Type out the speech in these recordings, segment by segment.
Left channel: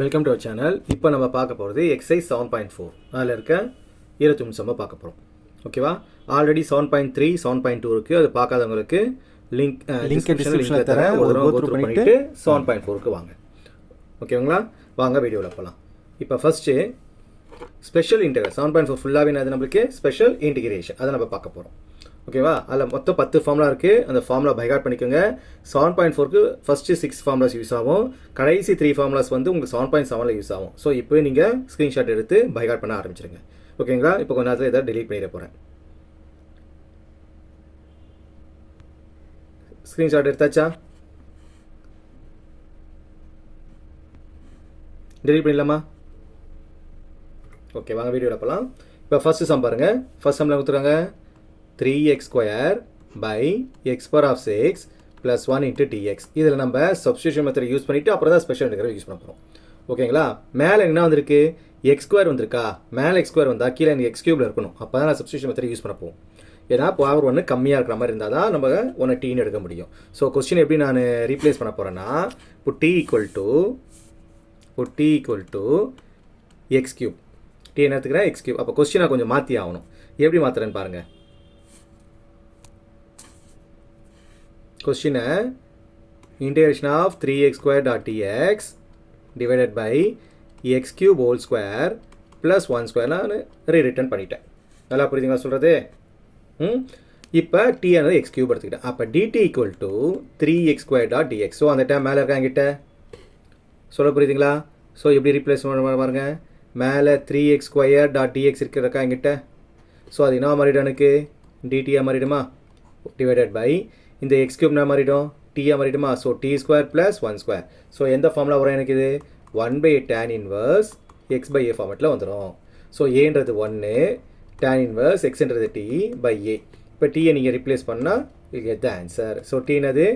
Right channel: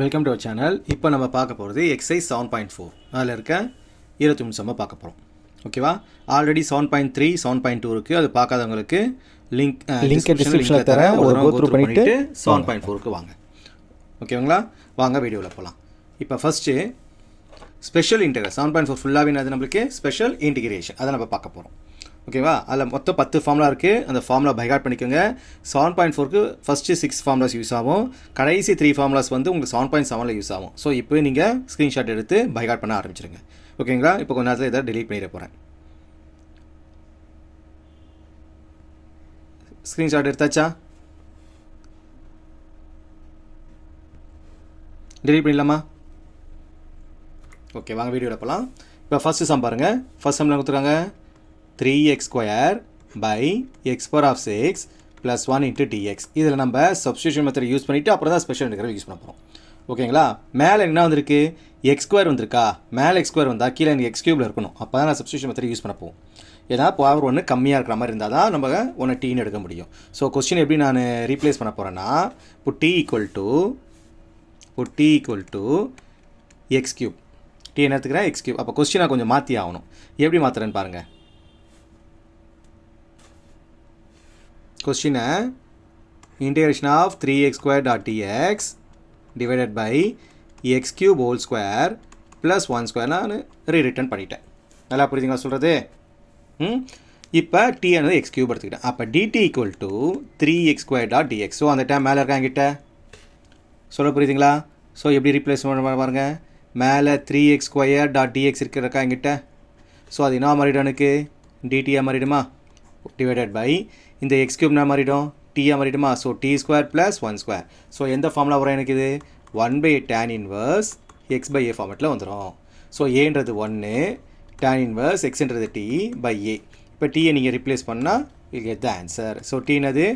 Welcome to our channel. இப்போ நம்ம பார்க்க போகிறது எக்ஸசைஸ் 7.4 அதில் இருக்க 23 சம்மை பார்க்க போகிறோம். ஓகேவா? ஆல்ரெடி 7.3 7.2 இருக்குது. அது பார்க்காதவங்களுக்கு லிங்க் டிஸ்கிரிப்ஷனில் தரேன். ஒரு கோ த்ரூ பண்ணிவிட்டு 7.4க்கு வாங்க. ஓகேங்களா? வாங்க வீடியோவில் போகலாம். இப்போ ஃபஸ்ட்டு ஸ்பெஷல் இன்டெகிரல் 7.4 ஃபுல்லாகவே அது நம்மளுக்கு ஸ்பெஷல் இன்டிகிரேஷன் அதை நம்ம பார்க்க போகிறோம். ஓகேவா? அதில் மொத்தம் 10 ஃபார்முலா இருக்குது. அந்த ஃபார்முலா பைகாட் பண்ணிக்கோங்க. 7.4க்கு ஃபஸ்ட்டு 6 ஃபார்முலாஸ் யூஸ் ஆகும். கடைசி 3 ஃபார்முலாஸ் வந்து உங்களுக்கு 7.7ல் யூஸ் ஆகும். ஸோ இப்போ நீங்கள் ஸ்க்ரீன்ஷாட் எடுத்து பைகாட் பண்ண ஆரம்பிச்சிருங்க. ஓகேங்களா? இப்போ கொஞ்ச நேரத்தில் இதை டெலீட் பண்ணிட போகிறேன். ஸ்க்ரீன்ஷாட் எடுத்தாச்சா? டெலீட் பண்ணிடலாமா? ஓகே, வாங்க வீடியோவில் போகலாம். இப்போ ஃபஸ்ட்டு சம் பாருங்கள். ஃபஸ்ட் சம்மில் கொடுத்துருக்காங்க 3x square by x power of 6 plus 1 into dx. இதில் நம்ம சப்ஸ்டியூஷன் மெத்தட் யூஸ் பண்ணிவிட்டு அப்புறம் தான் ஸ்பெஷல் இன்டெகிரல் யூஸ் பண்ண போகிறோம். ஓகேங்களா? மேலே என்ன வந்திருக்கு? எக்ஸ் ஸ்கொயர் வந்திருக்கா? மேலே எக்ஸ் ஸ்கொயர் வந்தால் கீழே எனக்கு எக்ஸ் கியூபில் இருக்கணும். அப்போ தான் நான் சப்ஸ்டியூஷன் மெத்தட் யூஸ் பண்ண போகும். ஏன்னா பவர் ஒன்று கம்மியாக இருக்கிற மாதிரி இருந்தால் தான் நம்ம ஒன்று டீன்னு எடுக்க முடியும். ஸோ கொஸ்டின் எப்படி நான் ரீப்ளேஸ் பண்ண போகிறேன்னா, இப்போ T equal to x cube. T என்ன எடுத்துக்கிறேன்? X cube. அப்போ கொஸ்டினை கொஞ்சம் மாற்றி ஆகணும். எப்படி மாற்றுறேன்னு பாருங்கள். கொஸ்டினை integration of 3x square dot dx divided by x cube whole square plus 1 square நான் ரீரிட்டன் பண்ணிட்டேன். நல்லா புரியுதுங்களா சொல்கிறது? இப்போ t ஆனது x cube எடுத்துக்கிட்டேன். அப்போ dt equal to 3x square dot dx. So அந்த டைம் மேலே இருக்கா என்கிட்ட? சொல்ல புரியுதுங்களா? ஸோ எப்படி ரீப்ளேஸ் பண்ண பாருங்க. மேலே 3x square dot dx இருக்கிறக்கா என்கிட்ட? ஸோ அது என்ன மாறிடும்? எனக்கு dtயாக மாறிடுமா? டிவைடட் பை இந்த எக்ஸ் கியூப்னா மாறிடும், டீயாக மாறிடுமா? So t square plus 1 square. So எந்த ஃபார்முலா வரும் எனக்கு? இது 1/tan inverse x by a ஃபார்மெட்டில் வந்துடும். ஸோ ஏன்றது 1, tan இன்வர்ஸ் எக்ஸ்ன்றது டி பை ஏ. இப்போ டீயை நீங்கள் ரிப்ளேஸ் பண்ணால் will get the answer. So டீனது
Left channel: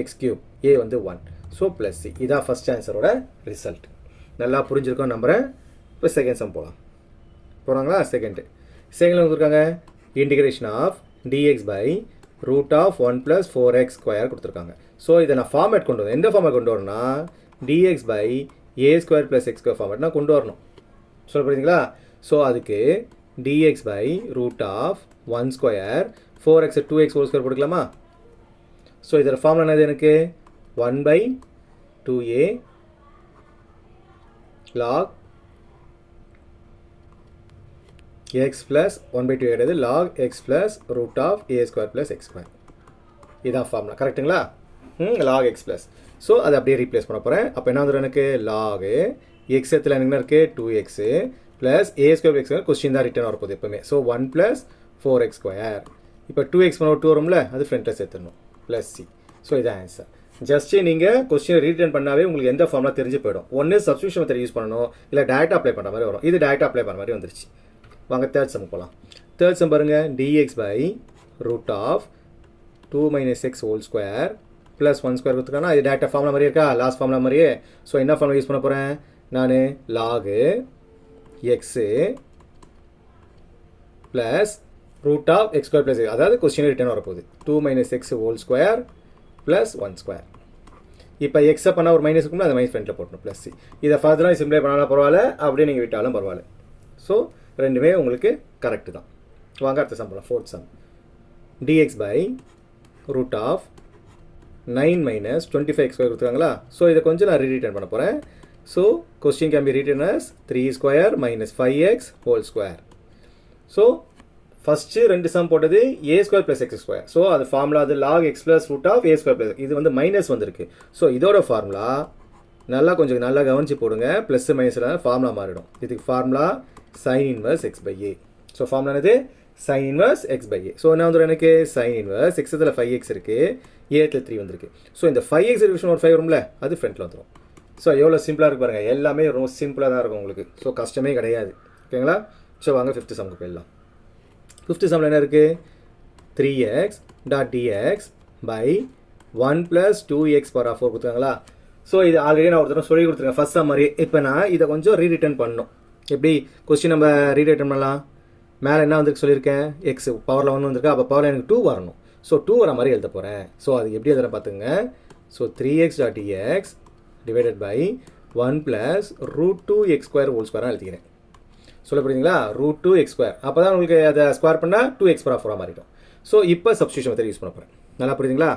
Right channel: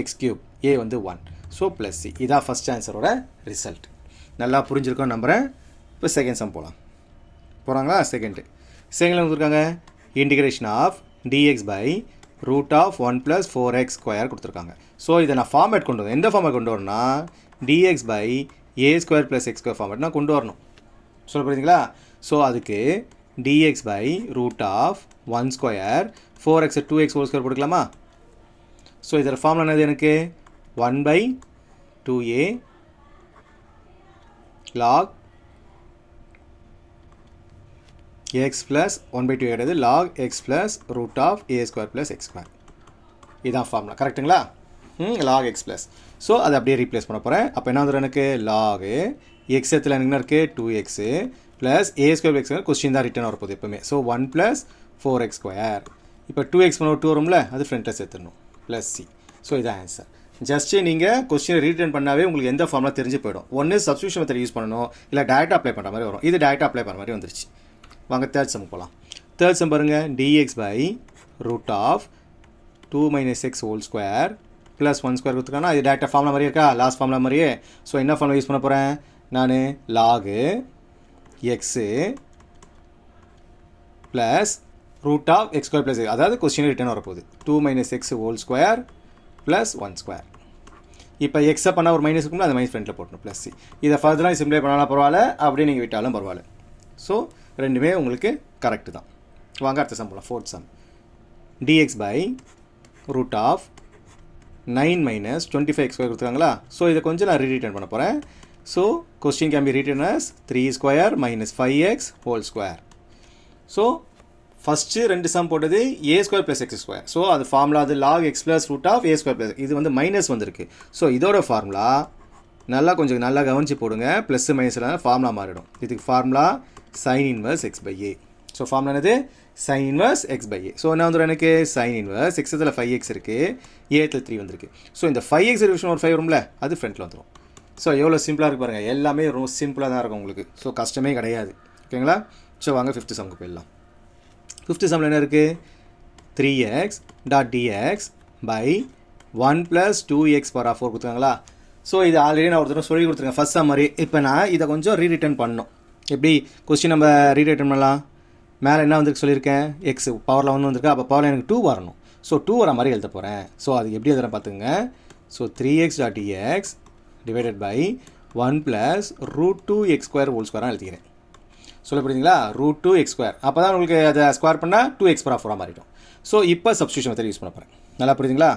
எக்ஸ் கியூப், ஏ வந்து 1. So plus c. இதான் ஃபஸ்ட் ஆன்சரோட ரிசல்ட். நல்லா புரிஞ்சிருக்கோம் நம்புகிறேன். இப்போ செகண்ட் சம் போகிறாங்களா? செகண்டில் கொடுத்துருக்காங்க integration of d x by root of 1 + 4x square கொடுத்துருக்காங்க. ஸோ இதை நான் ஃபார்மேட் கொண்டு வரணும். எந்த ஃபார்மேட் கொண்டு வரணும்னா dx பை a square plus x square format நான் கொண்டு வரணும். சொல்ல புரியுதுங்களா? ஸோ அதுக்கு dx by root of 1 square 4x 2x whole square போட்டுக்கலாமா? ஸோ இதோட ஃபார்முலா என்னது? எனக்கு 1/2a log x plus 1/2 கிடையாது, log x plus root of a square plus x square. இதான் ஃபார்முலா. கரெக்டுங்களா? log x plus. ஸோ அதை அப்படியே ரீப்ளேஸ் பண்ண போகிறேன். அப்போ என்ன வந்துடும் எனக்கு? log x இடத்துல என்ன இருக்குது? 2x plus a square x square. Question தான் ரிட்டர்ன் வரப்போகுது எப்பவுமே. So 1 + 4x square. இப்போ 2x பண்ண 2 வரும்ல, அது ஃப்ரண்ட்டில் சேர்த்துடணும் ப்ளஸ் சி. ஸோ இதான் ஆன்சர். ஜஸ்ட்டு நீங்கள் கொஸ்டினை ரீட்டர்ன் பண்ணாவே உங்களுக்கு எந்த ஃபார்முலா தெரிஞ்சு போயிடும். ஒன்று சப்ஸ்டியூஷன் மெத்தட் யூஸ் பண்ணணும், இல்லை டேரெக்டாக அப்ளை பண்ணுற மாதிரி வரும். இது டேரெக்டாக அப்ளை பண்ணுற மாதிரி வந்துருச்சு. வாங்க தேர்ட் சம் போகலாம். தேர்ட் சம் பாருங்கள். dx by root of 2 - x whole square plus 1 square கொடுத்துருக்காங்கன்னா இது டேரெக்டாக ஃபார்முலா மாதிரியே இருக்கா? லாஸ்ட் ஃபார்முலா மாதிரியே. ஸோ என்ன ஃபார்முலா யூஸ் பண்ண போகிறேன் நான்? Log x plus root of x square plus, அதாவது கொஸ்டின் ரிட்டர்ன் வரப்போகுது 2 - x whole square plus 1 square. இப்போ எக்ஸை பண்ணால் ஒரு மைனஸ் இருக்கும்ல, அது மைனஸ் ஃப்ரண்ட்டில் போட்டணும் ப்ளஸ் சி. இதை ஃபர்தராக சிம்ப்ளை பண்ணாலும் பரவாயில்ல, அப்படியே நீங்கள் விட்டாலும் பரவாயில்ல. ஸோ ரெண்டுமே உங்களுக்கு கரெக்டு தான். வாங்க அடுத்த சம் போகலாம். Fourth sum dx by root of 9 - 25x square கொடுத்துருக்காங்களா? ஸோ இதை கொஞ்சம் நான் ரீரிட்டர்ன் பண்ண போகிறேன். So question can be written as 3 square - 5x whole square. So first ரெண்டு சம் போட்டது a square plus x square. So அது ஃபார்முலா அது log x plus root of a square plus, இது வந்து மைனஸ் வந்திருக்கு. ஸோ இதோட ஃபார்முலா கொஞ்சம் நல்லா கவனிச்சு போடுங்க. ப்ளஸ் மைனஸில் ஃபார்முலா மாறிடும். இதுக்கு formula sin inverse x by a. So formula என்னது? sin inverse x by a. So என்ன வந்துடும் எனக்கு? sin இன்வர்ஸ் x இதில் 5x இருக்குது, a 3 வந்திருக்கு. ஸோ இந்த 5x டிவிஷன் ஒரு 5 வரும்ல, அது ஃப்ரண்ட்டில் வந்துடும். ஸோ எவ்வளோ சிம்பிளாக இருக்கு பாருங்கள். எல்லாமே ரொம்ப சிம்பிளாக தான் இருக்கும் உங்களுக்கு. ஸோ கஷ்டமே கிடையாது. ஓகேங்களா? ஸோ வாங்க ஃபிஃப்த்து சம்க்கு போயிடலாம். ஃபிஃப்த்து சம்மில் என்ன இருக்குது? 3x dot dx by 1 + 2x power 4 கொடுத்துருக்காங்களா? ஸோ இது ஆல்ரெடி நான் ஒருத்தர் சொல்லி கொடுத்துருக்கேன் ஃபஸ்ட் சம் மாதிரி. இப்போ நான் இதை கொஞ்சம் ரீரிட்டர்ன் பண்ணணும். எப்படி கொஸ்டின் நம்ம ரீரிட்டர்ன் பண்ணலாம்? மேலே என்ன வந்துருக்கு சொல்லியிருக்கேன்? எக்ஸ் பவரில் 1 வந்திருக்கு. அப்போ பவரில் எனக்கு 2 வரணும். ஸோ 2 வர மாதிரி எழுத போகிறேன். ஸோ அது எப்படி எழுதுறேன் பார்த்துங்க. So 3x dot dx divided by 1 plus root 2x square whole ஸ்கொயராக எழுதிக்கிறேன். சொல்ல புரியுதுங்களா? Root 2x square. அப்போ தான் உங்களுக்கு அதை ஸ்கொயர் பண்ணால் 2x பவர் 4 மாறிடும். ஸோ இப்போ சப்ஸ்டியூஷன் மெத்தட் யூஸ் பண்ண போகிறேன். நல்லா புரியுதுங்களா?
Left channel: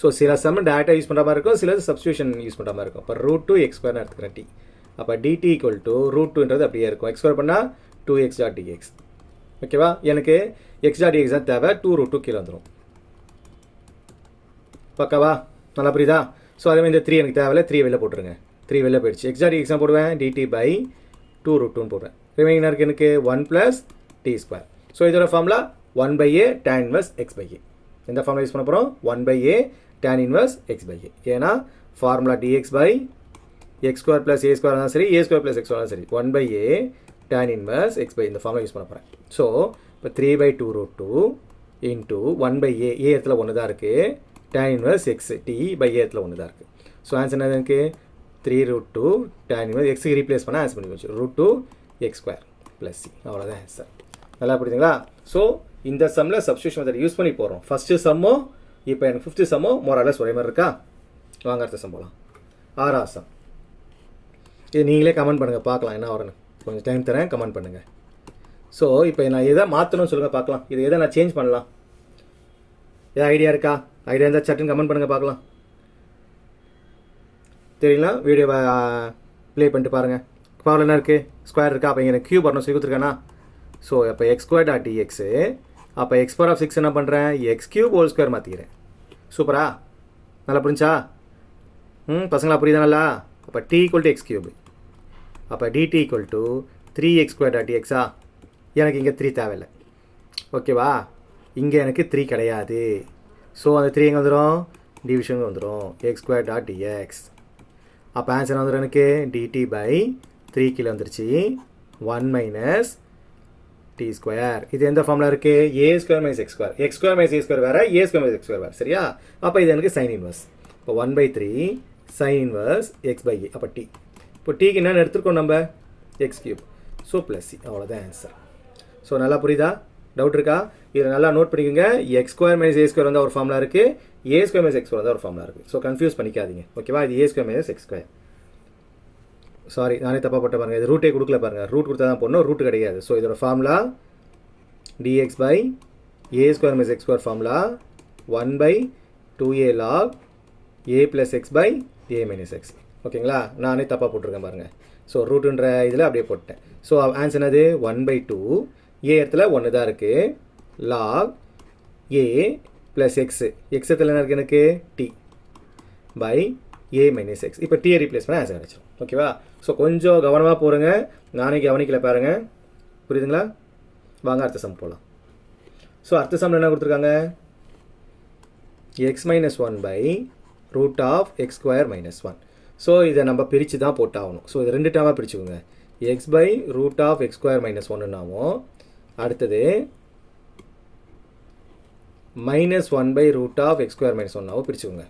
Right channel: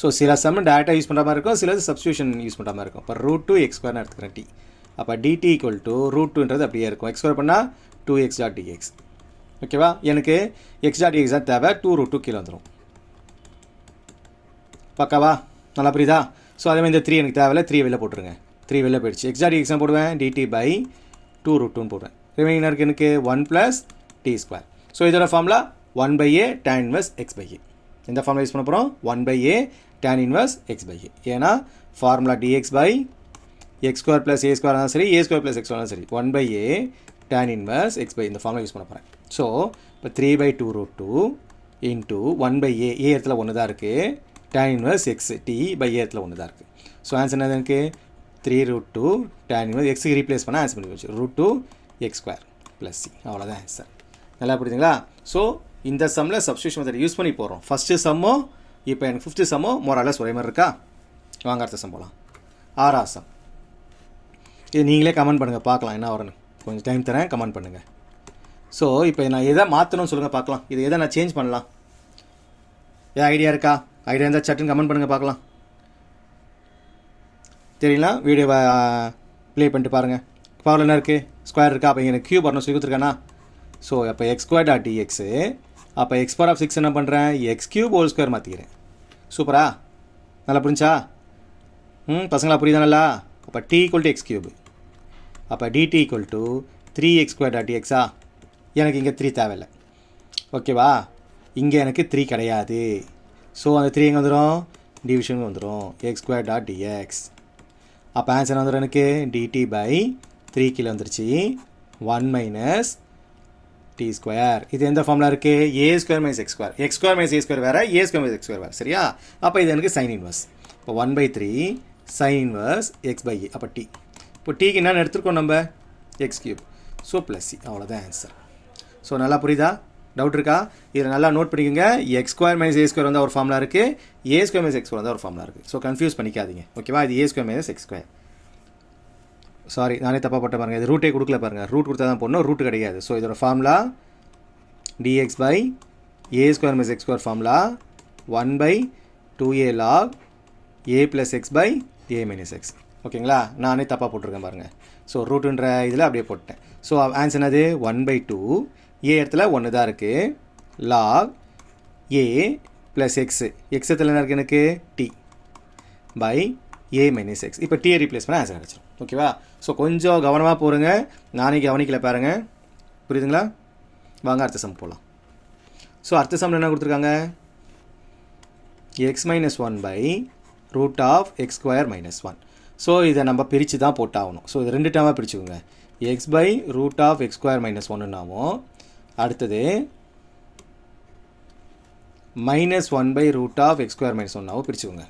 ஸோ சில சம் டேரெக்டாக யூஸ் பண்ணுற மாதிரி இருக்கும், சிலது சப்ஸ்டியூஷன் யூஸ் பண்ணுற மாதிரி இருக்கும். இப்போ ரூட் 2x ஸ்கொயர்னு எடுத்துக்கிறேன் டி. அப்போ dt ஈக்குவல் டு ரூட் 2ன்றது அப்படியே இருக்கும். எக்ஸ் ஸ்கொயர் பண்ணால் 2x டாட் dx. ஓகேவா? எனக்கு x டாட் dx தான் தேவை. 2 ரூட் 2 கீழே வந்துடும். பக்காவா? நல்லா புரியுதா? ஸோ அதே மாதிரி இந்த 3 எனக்கு தேவையில்ல, 3 வெளில போட்டுருங்க. 3 வெளில போயிடுச்சு. x டாட் dx தான் போடுவேன், dt பை 2 ரூட் 2ன்னு போடுவேன். ரிமைனிங் இருக்குது எனக்கு 1 ப்ளஸ் t ஸ்கொயர். ஸோ இதோட formula 1/a tan inverse x by a. இந்த ஃபார்முலா யூஸ் பண்ண போகிறோம், 1/a tan inverse x by a. ஏன்னா formula dx by x square plus a square தான் சரி, a square plus x square தான் சரி. 1/a tan inverse x by இந்த formula use பண்ண போகிறேன். ஸோ இப்போ 3/2 ரூட் 2 இன்ட்டு 1/a, a இடத்துல ஒன்று தான் இருக்குது, tan inverse x t by a இடத்துல ஒன்று தான் இருக்குது. ஸோ ஆன்சர் என்ன எனக்கு 3 root 2 tan inverse x replace பண்ணால் ஆன்சர் பண்ணி வச்சு root 2 x square plus c. அவ்வளோதான் ஆன்சர். நல்லா புரியுதுங்களா? ஸோ இந்த சம்மில் சப்ஸ்டியூஷன் மெத்தட் யூஸ் பண்ணி போகிறோம். ஃபஸ்ட்டு சம்மோ இப்போ எனக்கு 5th சம்மோ மோரலஸ் ஒரே மாதிரி இருக்கா? வாங்க அடுத்த சம் போகலாம். 6ஆம் சம். இது நீங்களே கமெண்ட் பண்ணுங்கள், பார்க்கலாம் என்ன வரும்னு. கொஞ்சம் டைம் தரேன், கமெண்ட் பண்ணுங்கள். ஸோ இப்போ நான் எதை மாற்றணும்னு சொல்லுங்கள் பார்க்கலாம். இது எதை நான் சேஞ்ச் பண்ணலாம்? ஏன் ஐடியா இருக்கா? ஐடியா இருந்தால் சட்டுன்னு கமெண்ட் பண்ணுங்கள் பார்க்கலாம். தெரியலாம், வீடியோவை ப்ளே பண்ணிட்டு பாருங்கள். பவர் என்ன இருக்குது? ஸ்கொயர் இருக்கா? அப்போ எனக்கு கியூப் வரணும் சொல்லி கொடுத்துருக்கானா? ஸோ அப்போ x ஸ்கொயர் டாட் dx. அப்போ x பவர் ஆஃப் 6 என்ன பண்ணுறேன்? x கியூப் ஹோல் ஸ்கொயர் மாற்றிக்கிறேன். சூப்பரா? நல்லா புரிஞ்சா? பசங்களா புரியுதா நல்லா? அப்போ t equal to x cube. அப்போ dt equal to 3x square dot dx. எனக்கு இங்கே 3 தேவையில்லை. ஓகேவா? இங்கே எனக்கு 3 கிடையாது. ஸோ அந்த 3 எங்கே வந்துடும்? டிவிஷன் வந்துடும், x ஸ்கொயர் டாட் dx. அப்போ ஆன்சர் வந்துடும் எனக்கு dt பை 3 கீழே வந்துருச்சு, 1 மைனஸ் டி ஸ்கொயர். இது எந்த ஃபார்முலா இருக்குது? A square minus x square. X square minus a square வேறு, a square minus x square வேறு. சரியா? அப்போ இது எனக்கு சைன் இன்வர்ஸ். இப்போ 1/3 sine inverse x by a. அப்போ டி. இப்போ டீக்கு என்னென்னு எடுத்துருக்கோம் நம்ம? X cube. So plus c. அவ்வளோதான் ஆன்சர். ஸோ நல்லா புரியுதா? டவுட் இருக்கா? இதில் நல்லா நோட் பண்ணிக்கோங்க. X square minus a square வந்து ஒரு ஃபார்முலா இருக்குது, a square minus x square வந்து ஒரு ஃபார்முலா இருக்குது. ஸோ கன்ஃபியூஸ் பண்ணிக்காதீங்க. ஓகேவா? இது a square minus x square. Sorry, நானே தப்பாக போட்ட பாருங்கள். இது ரூட்டே கொடுக்கல பாருங்கள். ரூட் கொடுத்தா தான் போடணும், ரூட் கிடையாது. ஸோ இதோட formula dx by a square minus x square formula 1/2a log a plus x by a minus x. ஓகேங்களா? நானே தப்பாக போட்டிருக்கேன் பாருங்கள். ஸோ ரூட்டுன்ற இதில் அப்படியே போட்டேன். ஸோ ஆன்சர் என்னது? 1/2 a இடத்துல 1 தான் இருக்குது, log a plus x. x இடத்துல என்ன இருக்குது எனக்கு? t by a minus x. இப்போ t ரீப்ளேஸ் பண்ண ஆன்சர் கிடச்சிடும். ஓகேவா? ஸோ கொஞ்சம் கவனமாக போடுங்க. நானே கவனிக்கல பாருங்கள். புரியுதுங்களா? வாங்க அடுத்த சம் போகலாம். ஸோ அடுத்த சம்மில் என்ன கொடுத்துருக்காங்க? x minus 1 by root of x square minus 1. So இதை நம்ம பிரித்து தான் போட்டாகணும். ஸோ இது 2 டைமாக பிரிச்சுக்கோங்க. X by root of x square minus 1ன்னாவும், அடுத்தது minus 1 by root of x square minus 1னாவும் பிரிச்சுக்கோங்க.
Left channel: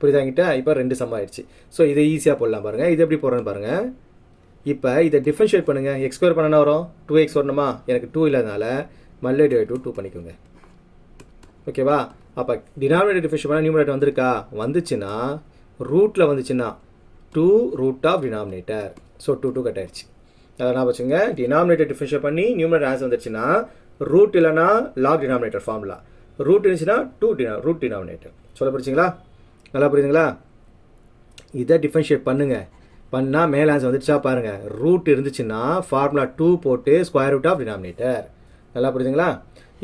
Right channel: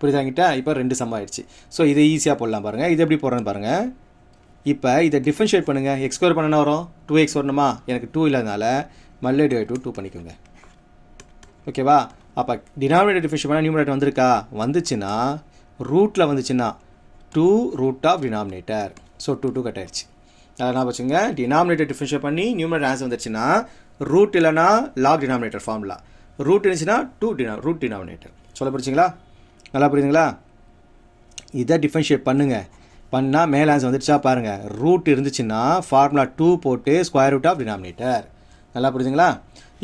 புரியுதாங்கிட்டா? இப்போ 2 சம் ஆயிடுச்சு. ஸோ இதை ஈஸியாக போடலாம் பாருங்கள். இது எப்படி போடுறேன்னு பாருங்கள். இப்போ இதை டிஃபரன்ஷியேட் பண்ணுங்கள். எக்ஸ் ஸ்கொயர் பண்ணனா வரும் 2x வரணுமா? எனக்கு 2 இல்லாதனால மல்லே டிவைட் 2 பண்ணிக்கோங்க. ஓகேவா? அப்போ டினாமினேட்டர் டிஃபரன்ஷியேட் பண்ணால் நியூமரேட்டர் வந்திருக்கா? வந்துச்சுன்னா ரூட்டில் வந்துச்சுன்னா 2 root of denominator. So 2 cut ஆயிடுச்சு. அதை நான் வச்சுங்க. டினாமினேட்டர் டிஃபரன்ஷியேட் பண்ணி நியூமரேட்டர் ஆன்சர் வந்துச்சுன்னா ரூட் இல்லைனா லாக் டினாமினேட்டர் ஃபார்முலா, ரூட் இருந்துச்சுன்னா 2 ரூட் டினாமினேட்டர். சொல்ல புரிச்சிங்களா? நல்லா புரியுதுங்களா? இதை டிஃபரன்ஷியேட் பண்ணுங்கள். பண்ணால் மேலே ஆன்சர் வந்துடுச்சா பாருங்கள். ரூட் இருந்துச்சுன்னா ஃபார்முலா 2 போட்டு ஸ்கொயர் ரூட் ஆஃப் டினாமினேட்டர். நல்லா புரியுதுங்களா?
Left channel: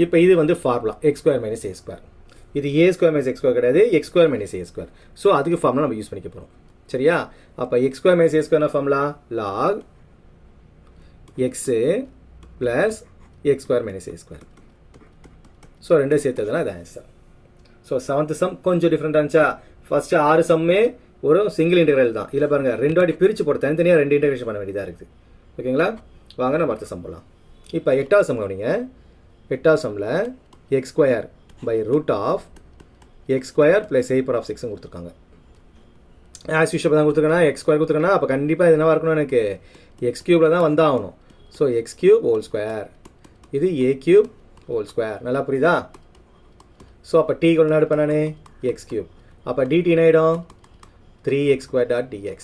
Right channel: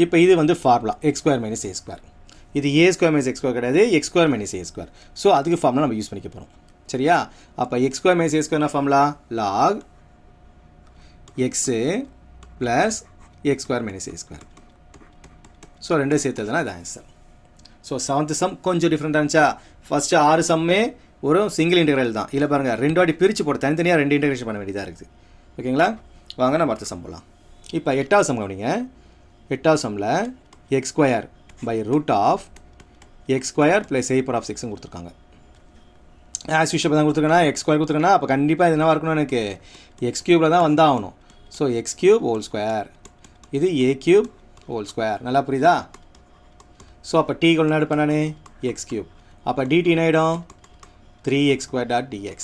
இப்போ இது வந்து formula x square minus a square. இது a square minus x square கிடையாது, x square minus a square. So அதுக்கு ஃபார்முலா நம்ம யூஸ் பண்ணிக்க போகிறோம். சரியா? அப்போ எக்ஸ் ஸ்கொயர் மைனஸ் ஏ ஸ்கொயர்னா formula log x plus x square minus a square. So 2 சேர்த்ததுனா இது ஆன்சர். ஸோ 7th சம் கொஞ்சம் டிஃப்ரெண்ட்டாக இருந்துச்சா? ஃபஸ்ட்டு 6 சம்மே ஒரு சிங்கிள் இன்டெக்ரல் தான். இல்லை பாருங்கள், 2 வாட்டி பிரித்து போட்டு தனித்தனியாக 2 இன்டெகிரேஷன் பண்ண வேண்டியதாக இருக்குது. ஓகேங்களா? வாங்க நம்ம அடுத்த சம் போகலாம். இப்போ 8வது சம் கவனிங்க. 8வது சம்மில் x square by root of x square plus a power of 6 கொடுத்துருக்காங்க. ஆஸ் யூஷுவல் தான் கொடுத்துருக்கேன்னா எக்ஸ் ஸ்கொயர் கொடுத்துருக்கேன்னா அப்போ கண்டிப்பாக இது என்னவாக இருக்கணும்? எனக்கு எக்ஸ் கியூபில் தான் வந்தாகணும். So x cube whole square, இது a கியூப் ஹோல் ஸ்கொயர். நல்லா புரியுதா? ஸோ அப்போ t ஈக்குவல் என்ன எடுப்பேன் நான்? X cube. அப்போ dt என்ன ஆகிடும்? 3x square dot dx.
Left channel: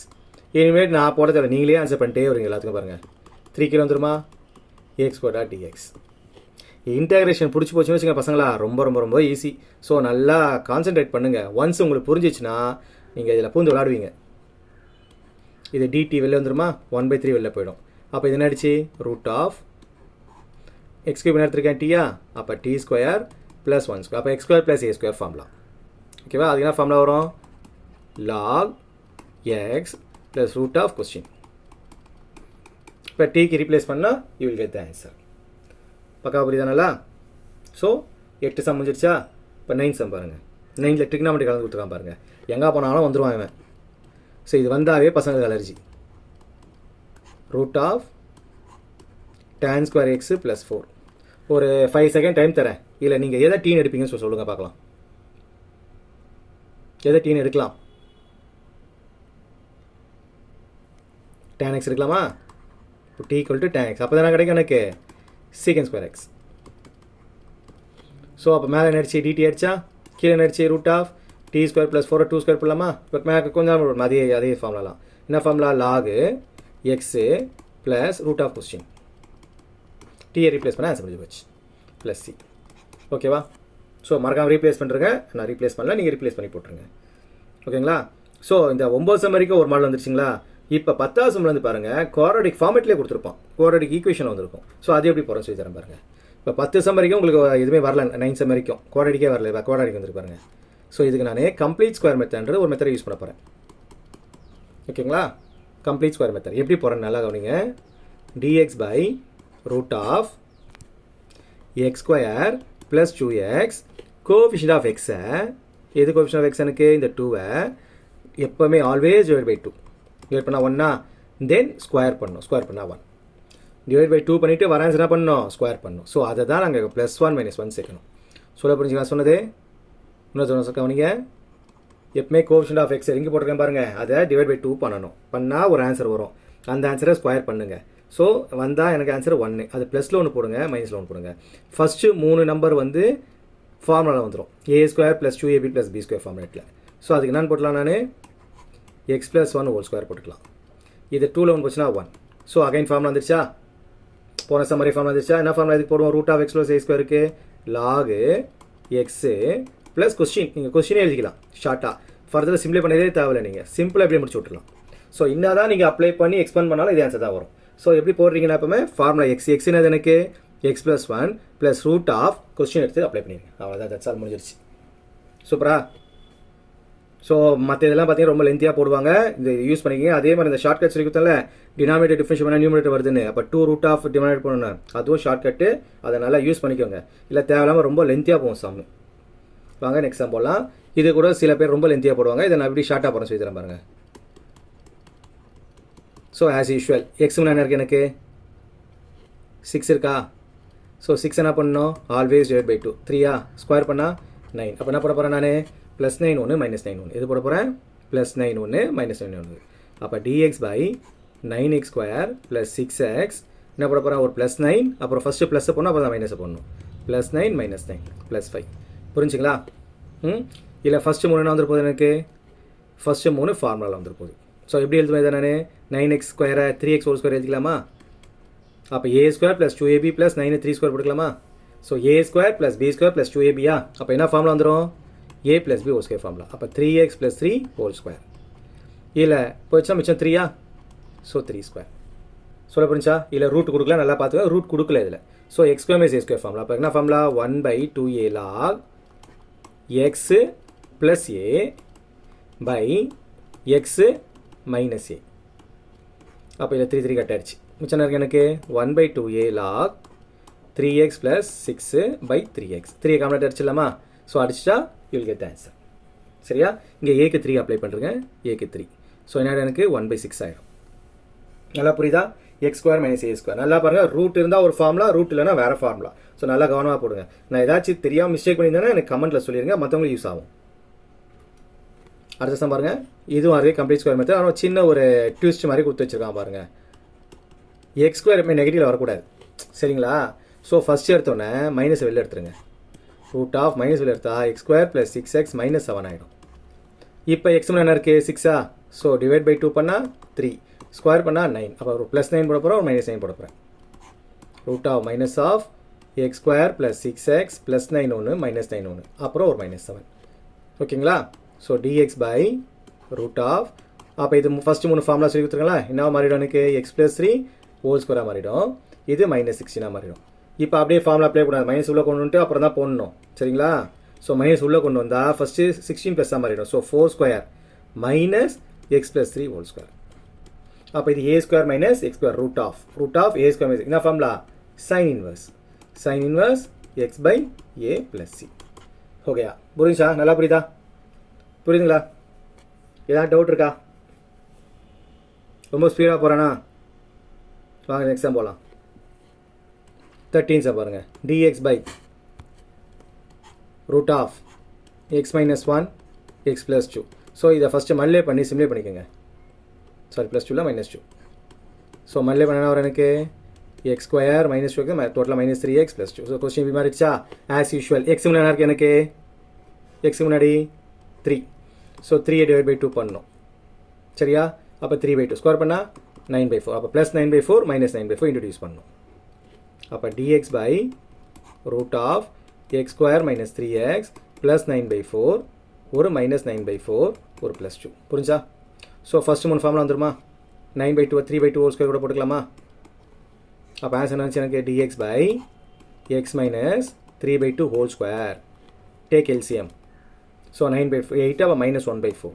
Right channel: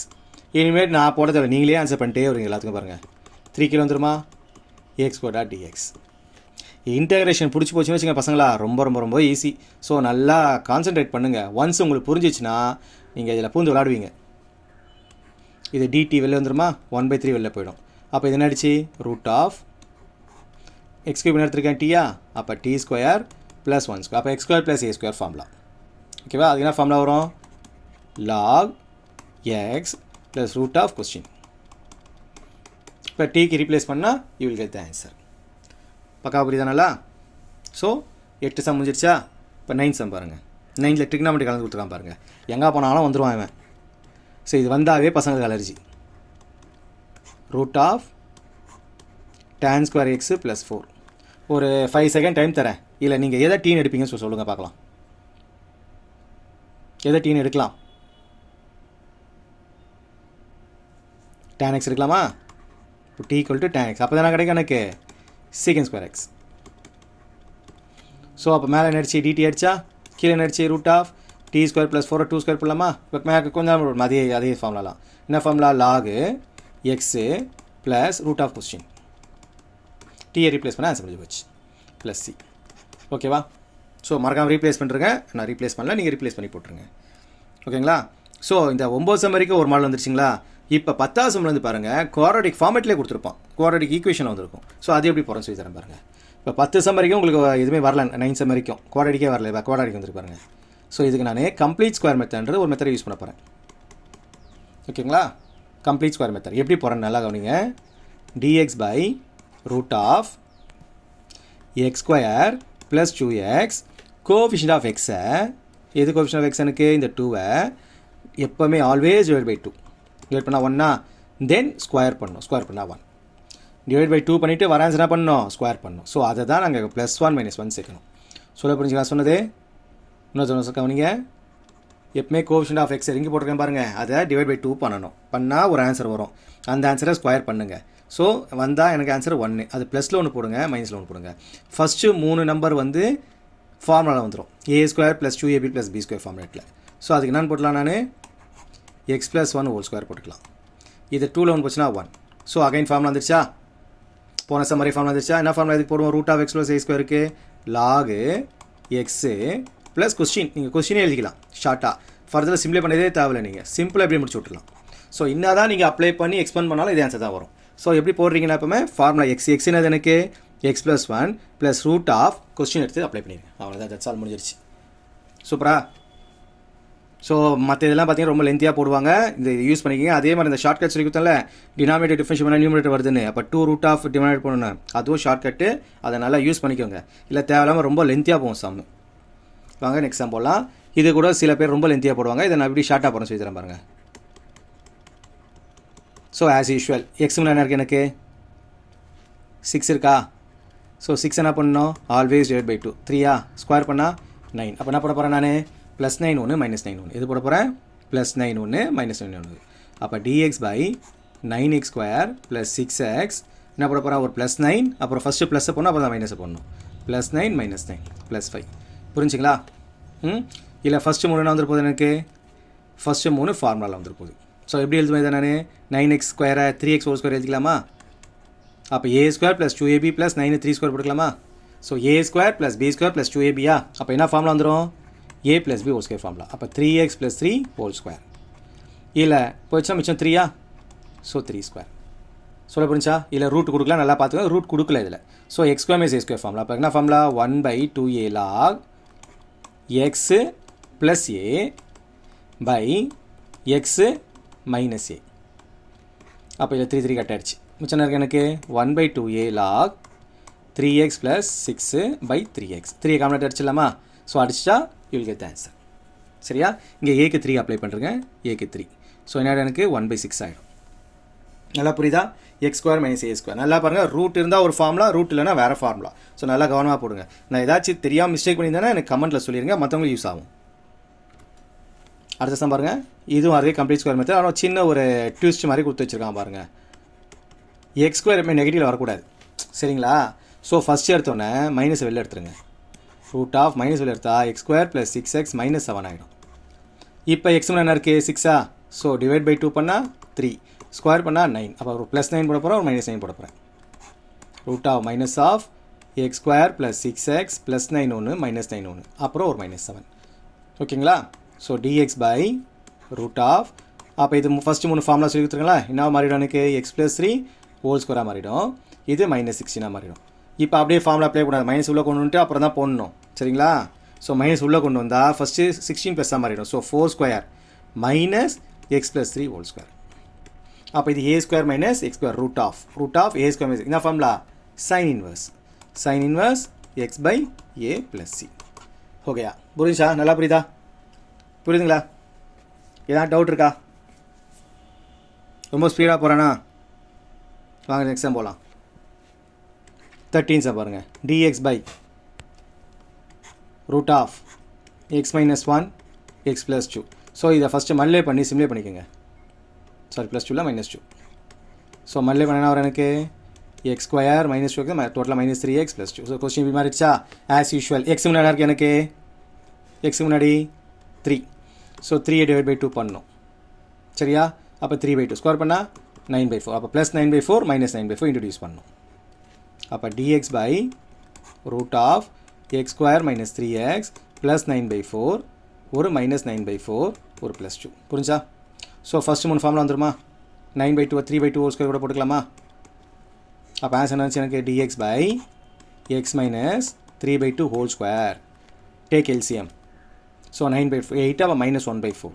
இனிமேல் நான் போட தேவை, நீங்களே ஆன்சர் பண்ணிட்டே வரீங்க எல்லாத்துக்கும் பாருங்கள். 3 கீழே வந்துருமா, a².dx. இன்டகிரேஷன் பிடிச்சி போச்சுன்னு வச்சுங்க பசங்களா, ரொம்ப ரொம்ப ரொம்ப ஈஸி. ஸோ நல்லா கான்சென்ட்ரேட் பண்ணுங்கள். ஒன்ஸ் உங்களுக்கு புரிஞ்சிச்சுன்னா நீங்கள் இதில் பூந்து விளாடுவீங்க. இது dt வெளில வந்துருமா, 1/3 வெளில போயிடும். அப்போ இது என்னடிச்சு, ரூட் ஆஃப் எக்ஸ் கியூப் எடுத்துருக்கேன் டீயா, அப்போ t² + 1². அப்போ x² + a² ஃபார்முலா. ஓகேவா, அதுக்கு என்ன ஃபார்முலா வரும், log x + root of question. இப்போ டீக்கு ரீப்ளேஸ் பண்ணால் you will get the answer. பக்கா புரியுதானல்லா? ஸோ 8 சம் முடிஞ்சிருச்சா? இப்போ 9 சம் பாருங்கள். 9ல் ட்ரிக்னாமெட்ரி கலந்து கொடுத்துருக்கான் பாருங்கள். எங்கே போனாலும் வந்துடுவான் இவன். ஸோ இது வந்தாவே பசங்களுக்கு allergy. Root of tan² x + 4. ஒரு 5 செகண்ட் டைம் தரேன். இல்லை நீங்கள் எதை டீன் எடுப்பீங்கன்னு சொல்லுங்கள் பார்க்கலாம். எதை டீன் எடுக்கலாம்? tan x எடுக்கலாமா? இப்போ t = tan x. அப்போ தானே கிடைக்கும் எனக்கு sec² x. ஸோ அப்போ மேலே நடிச்சு dt அடிச்சா, கீழே நடிச்சு ரூட் ஆஃப் t² + 4 2² போடலாமா? இப்போ மேலே கொஞ்சம் அதே ஃபார்முலாலாம். என்ன formula, log x + root of question. டீயை ரீப்ளேஸ் பண்ண ஆன்சர் முடிஞ்சு போச்சு, ப்ளஸ் சி. ஓகேவா? ஸோ மறக்காமல் ரீப்ளேஸ் பண்ணுறேங்க. நான் ரீப்ளேஸ் பண்ணல, நீங்கள் ரீப்ளேஸ் பண்ணி போட்டுருங்க. ஓகேங்களா? ஸோ இந்த 9 சம் வரைக்கும் ஒரு மாடல் வந்துருச்சுங்களா? இப்போ 10வது சம்மில் வந்து பாருங்கள், குவாட்ரடிக் ஃபார்மேட்லேயே கொடுத்துருப்பான். குவாட்ரடிக் ஈக்குவேஷன் வந்திருக்கும். ஸோ அது எப்படி போகிறோம் சொல்லி தரேன் பாருங்கள். இப்போ 10 சம் வரைக்கும் உங்களுக்கு எதுவுமே வரல, 9 சம் வரைக்கும் குவாட்ரடிக்கே வரல. இப்போ குவாட்ரடிக் வந்துருக்கு பாருங்கள். ஸோ இதுக்கு நான் கம்ப்ளீட் ஸ்கொயர் மெத்தட்ன்றது ஒரு மெத்தடை யூஸ் பண்ண போகிறேன். ஓகேங்களா? கம்ப்ளீட் ஸ்கொயர் மெத்தட் எப்படி போகிறேன்னு நல்லா கவனிங்க. dx / root of x² + 2x coefficient of எக்ஸை, எது கோஎஃபிஷியன்ட் ஆஃப் எக்ஸ் எனக்கு இந்த 2வை எப்போவுமே ஆல்வேஸ் /2. டிவைட் பண்ணால் 1, தென் ஸ்கொயர் பண்ணணும். ஸ்கொயர் பண்ணால் 1. /2 பண்ணிவிட்டு வர ஆன்சர் என்ன பண்ணணும், ஸ்கொயர் பண்ணணும். ஸோ அதை தான் நாங்கள் +1 - 1 சேர்க்கணும். சொல்ல புரிஞ்சுக்கலாம் சொன்னது? இன்னொரு கவனிங்க. எப்பவுமே கோஎஃபிஷியன்ட் ஆஃப் எக்ஸ் எங்கே போட்டிருக்கேன் பாருங்கள், அதை /2 பண்ணணும். பண்ணால் ஒரு ஆன்சர் வரும். அந்த ஆன்சரை ஸ்கொயர் பண்ணுங்கள். ஸோ வந்தால் எனக்கு ஆன்சர் 1. அது +ல் 1 போடுங்க, -ல் 1 போடுங்க. ஃபஸ்ட்டு 3 நம்பர் வந்து ஃபார்முலாவில் வந்துடும். a² + 2ab + b² ஃபார்முலேட்டில். ஸோ அதுக்கு என்னென்னு போட்டலாம், நான் x + 1² போட்டுக்கலாம். இது 2ல் 1 போச்சுன்னா 1. ஸோ அகைன் ஃபார்முலா வந்துருச்சா? போன சம் மாதிரி ஃபார்முலா வந்துருச்சா? என்ன ஃபார்முலா இதுக்கு போடுவோம், root of x + a² log x + question. நீங்கள் கொஸ்டினே எழுதிக்கலாம் ஷார்ட்டாக. ஃபர்தராக சிம்பிளை பண்ணதே தேவையில்லை, நீங்கள் சிம்பிளாக எப்படியே முடிச்சு விட்டுலாம். ஸோ என்ன தான் நீங்கள் அப்ளை பண்ணி எக்ஸ்பெண்ட் பண்ணாலும் இதே ஆன்சர் தான் வரும். ஸோ எப்படி போடுறீங்கன்னா எப்பவுமே ஃபார்முலா எக்ஸ்னது எனக்கு x + 1 + ரூட் ஆஃப் கொஸ்டின் எடுத்து அப்ளை பண்ணிடுங்க. அவ்வளோதான், தட்ஸ் ஆல், முடிஞ்சிருச்சு. சூப்பரா? ஸோ மற்ற இதெல்லாம் பார்த்தீங்கன்னா ரொம்ப லென்த்தியாக போடுவாங்க. இந்த யூஸ் பண்ணிக்கிங்க. அதே மாதிரி இந்த ஷார்ட்கட் சொல்லி கொடுத்தால டினாமினேட்டர் டிஃபரன்ஷியேட் பண்ணால் நியூமரேட்டர் வருதுன்னு, அப்போ 2 ரூட் ஆஃப் டினாமினேட் பண்ணணும். அதுவும் ஷார்ட்கட்டு, அதை நல்லா யூஸ் பண்ணிக்கோங்க. இல்லை தேவையில்லாமல் ரொம்ப லென்த்தியாக போகும் சம். வாங்க நெக்ஸ்ட் சம் போடலாம். இது கூட சில பேர் ரொம்ப லென்த்தியாக போடுவாங்க. இதை நான் எப்படி ஷார்ட்டாக போகிறேன் சொல்லி தரேன் பாருங்கள். ஸோ ஆஸ் யூஷுவல் எக்ஸ் என்ன இருக்குது, எனக்கு 6 இருக்கா? ஸோ 6 என்ன பண்ணணும், ஆல்வேஸ் /2. 3 ஸ்கொயர் பண்ணால் 9. அப்போ என்ன பண்ண போகிறேன் நான், +9 1 -9 1. எது போட போகிறேன், +9 1 -9 1. அப்போ dx / 9x² + 6x என்ன போட போகிறேன், ஒரு +9, அப்புறம் ஃபஸ்ட்டு ப்ளஸ்ஸை போடணும், அப்புறம் தான் மைனஸை போடணும். +9 -9 +5. புரிஞ்சுங்களா? இல்லை ஃபஸ்ட்டு 3 என்ன வந்துரு போகுது எனக்கு, ஃபஸ்ட்டு 3 ஃபார்முலாவில் வந்துரு போகுது. ஸோ எப்படி எழுதுவேன் இதை நான், 9x² 3x² எழுதிக்கலாமா? அப்போ a² + 2ab + 9 3² போட்டுக்கலாமா? So a² + b² + 2ab. அப்போ என்ன ஃபார்முலா வந்துடும், a + b² ஃபார்முலா. அப்போ 3x + 3² இல்லை போயிடுச்சா, மிச்சம் 3. ஸோ 3². சொல்ல புரிஞ்சா? இல்லை ரூட் கொடுக்கலாம், நல்லா பார்த்துக்கோங்க. ரூட் கொடுக்கல இதில். So x² - a² formula. அப்போ என்ன formula, 1/2a log x + a x - a. அப்போ இதில் 3 கட் ஆகிடுச்சு. மிச்சம் இருக்குது எனக்கு 1/2a log 3x + 6/3x. 3 complete அடிச்சிடலாமா? ஸோ அடிச்சிட்டா you will get the answer. சரியா? இங்கே ஏக்கு 3 அப்ளை பண்ணுறேங்க, ஏக்கு 3. ஸோ என்ன எனக்கு 1/6 ஆகிடும். நல்லா புரியுதா? x² - a². நல்லா பாருங்கள், ரூட் இருந்தால் ஒரு ஃபார்முலா, ரூட் இல்லைனா வேறு ஃபார்முலா. ஸோ நல்லா கவனமாக போடுங்க. நான் ஏதாச்சும் தெரியாமல் மிஸ்டேக் பண்ணியிருந்தேன்னா எனக்கு கமெண்ட்டில் சொல்லிடுங்க, மற்றவங்களுக்கு யூஸ் ஆகும். அடுத்த சம் பாருங்கள். இதுவும் அதே கம்ப்ளீட் ஸ்கொயர் மெத்தட். ஆனால் சின்ன ஒரு ட்விஸ்ட் மாதிரி கொடுத்து வச்சுருக்கான் பாருங்கள். x² எப்பவுமே நெகட்டிவில் வரக்கூடாது, சரிங்களா? ஸோ ஃபஸ்ட்டு எடுத்தோன்னே மைனஸ் வெளில எடுத்துருங்க. ரூட் ஆஃப் மைனஸ் வெளில எடுத்தா x² + 6x - 7 ஆகிடும். இப்போ எக்ஸ் என்ன இருக்குது, 6 ஸோ டிவைட் பை 2 பண்ணால் 3, ஸ்கொயர் பண்ணால் 9. அப்போ ஒரு ப்ளஸ் 9 போட போகிறேன், ஒரு மைனஸ் 9 போட போகிறேன். Root of minus of x square plus 6x plus 9 ஒன்று மைனஸ் 9 ஒன்று, அப்புறம் ஒரு மைனஸ் 7. ஓகேங்களா? So dx by root of, அப்போ இது ஃபஸ்ட்டு 3 ஃபார்முலா சொல்லி கொடுத்துருங்களா? என்ன மாறிடும் எனக்கு? எக்ஸ் ப்ளஸ் 3 ஹோல் ஸ்கொயராக மாறிடும், இது மைனஸ் 16 மாறிடும். இப்போ அப்படியே ஃபார்முலா அப்ளை பண்ணாது, மைனஸ் உள்ளே கொண்டு வந்துட்டு அப்புறம் தான் போடணும். சரிங்களா? ஸோ மைனஸ் உள்ளே கொண்டு வந்தால் ஃபஸ்ட்டு 16 ப்ளஸ்ஸாக மாறிடும். So 4 square minus x plus 3 whole square. அப்போ இது a square minus x square root of a square minus என்ன formula? Sine inverse x by a plus c. ஓகேயா? புரிஞ்சா? நல்லா புரியுதுங்களா? ஏதாவது டவுட் இருக்கா? ரொம்ப ஸ்பீடாக போகிறேன்னா வாங்க நெக்ஸ்ட் டைம் போகலாம். 13 சார் பாருங்கள். dx by root of x minus 1 x plus 2. So இதை ஃபஸ்ட்டு மல்லே பண்ணி சிம்லே பண்ணிக்கோங்க. Sorry plus 2 minus 2. ஸோ மல்லே பண்ணனா வர எனக்கு எக்ஸ் ஸ்கொயர் மைனஸ் 2 டோட்டலாக minus 3x plus 2. So question இப்படி மாறிடுச்சா? ஆஸ் யூஷுவல் எக்ஸ் முன்னாடி இருக்குது எனக்கு, எக்ஸ் முன்னாடி 3. ஸோ 3 டிவைட் பை 2 பண்ணணும். சரியா? அப்போ 3/2 ஸ்கொயர் பண்ணால் 9/4. அப்போ ப்ளஸ் 9/4 மைனஸ் 9/4 இன்ட்ரடியூஸ் பண்ணணும். அப்போ dx by root of x square minus 3x plus 9/4 ஒரு மைனஸ் 9/4 ஒரு ப்ளஸ் 2. புரிஞ்சா? ஸோ ஃபஸ்ட்டு 3 ஃபார்முலா வந்துருமா? 9/2 3/2 ஹோல் ஸ்கொயர் கூட போட்டுக்கலாமா? அப்போ ஆன்சர் என்னாச்சு எனக்கு? dx by x minus 3/2 whole square. Take LCM. So 9/8 அப்போ minus 1/4.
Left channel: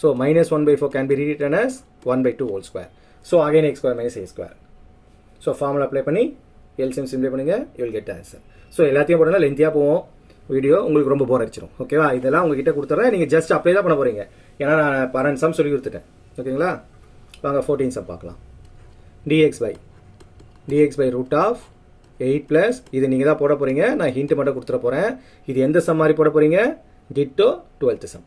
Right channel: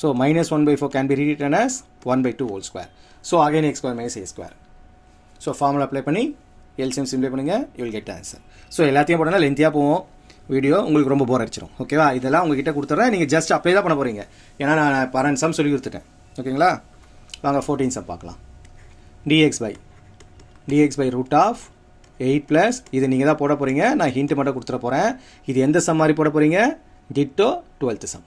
So minus 1/4 can be written as 1/2 whole square. So again x square minus a square. So formula apply பண்ணி LCM simplify பண்ணுங்கள், you will get answer. So எல்லாத்தையும் போட்டோன்னா லென்த்தியாக போவோம் video, உங்களுக்கு ரொம்ப போர் அடிச்சிடும். ஓகேவா? இதெல்லாம் உங்ககிட்ட கொடுத்துட்றேன், நீங்கள் ஜஸ்ட் அப்ளை தான் பண்ண போகிறீங்க. ஏன்னா நான் 12 சம் சொல்லி கொடுத்துட்டேன். ஓகேங்களா? வாங்க 14 சம் பார்க்கலாம். dx by root of 8 plus இது நீங்கள் தான் போட போகிறீங்க, நான் ஹிண்ட் மட்டும் கொடுத்துட போகிறேன். இது எந்த சம் மாதிரி போட போகிறீங்க? Ditto 12th sum.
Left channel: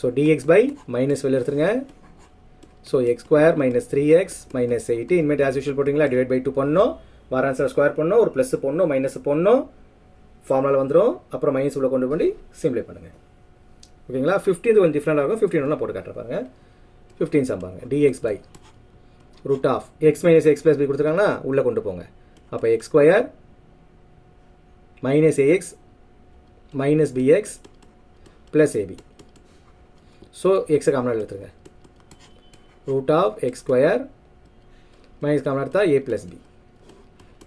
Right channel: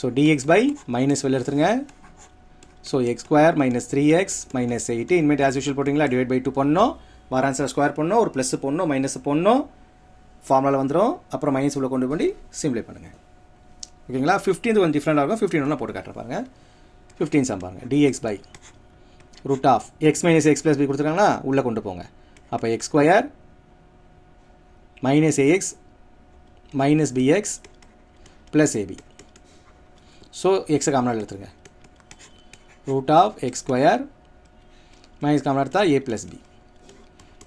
So dx by minus வெளில எடுத்துருங்க. So x square minus 3x minus 8 இனிமேட் ஆஸ் யூஷுவல் போட்டிங்களா? டிவைட் பை 2 பண்ணணும், வர ஆன்சர் ஸ்கொயர் பண்ணணும், ஒரு ப்ளஸ் போடணும், மைனஸ் போடணும், ஃபார்முலா வந்துடும். அப்புறம் மைனஸ் உள்ள கொண்டு போய் சிம்ப்ளை பண்ணுங்கள். ஓகேங்களா? 15 கொஞ்சம் டிஃப்ரெண்டாக இருக்கும், 15 ஒன்று போட்டு காட்டுற பாருங்க. 15 சம் பாருங்கள். dx by root of x minus x plus b கொடுத்துருக்காங்களா? உள்ளே கொண்டு போங்க. அப்போ x square minus a x minus b x plus a b. So எக்ஸை காமனாக எடுத்துருங்க. Root of x square minus காமனாக எடுத்தால் a plus b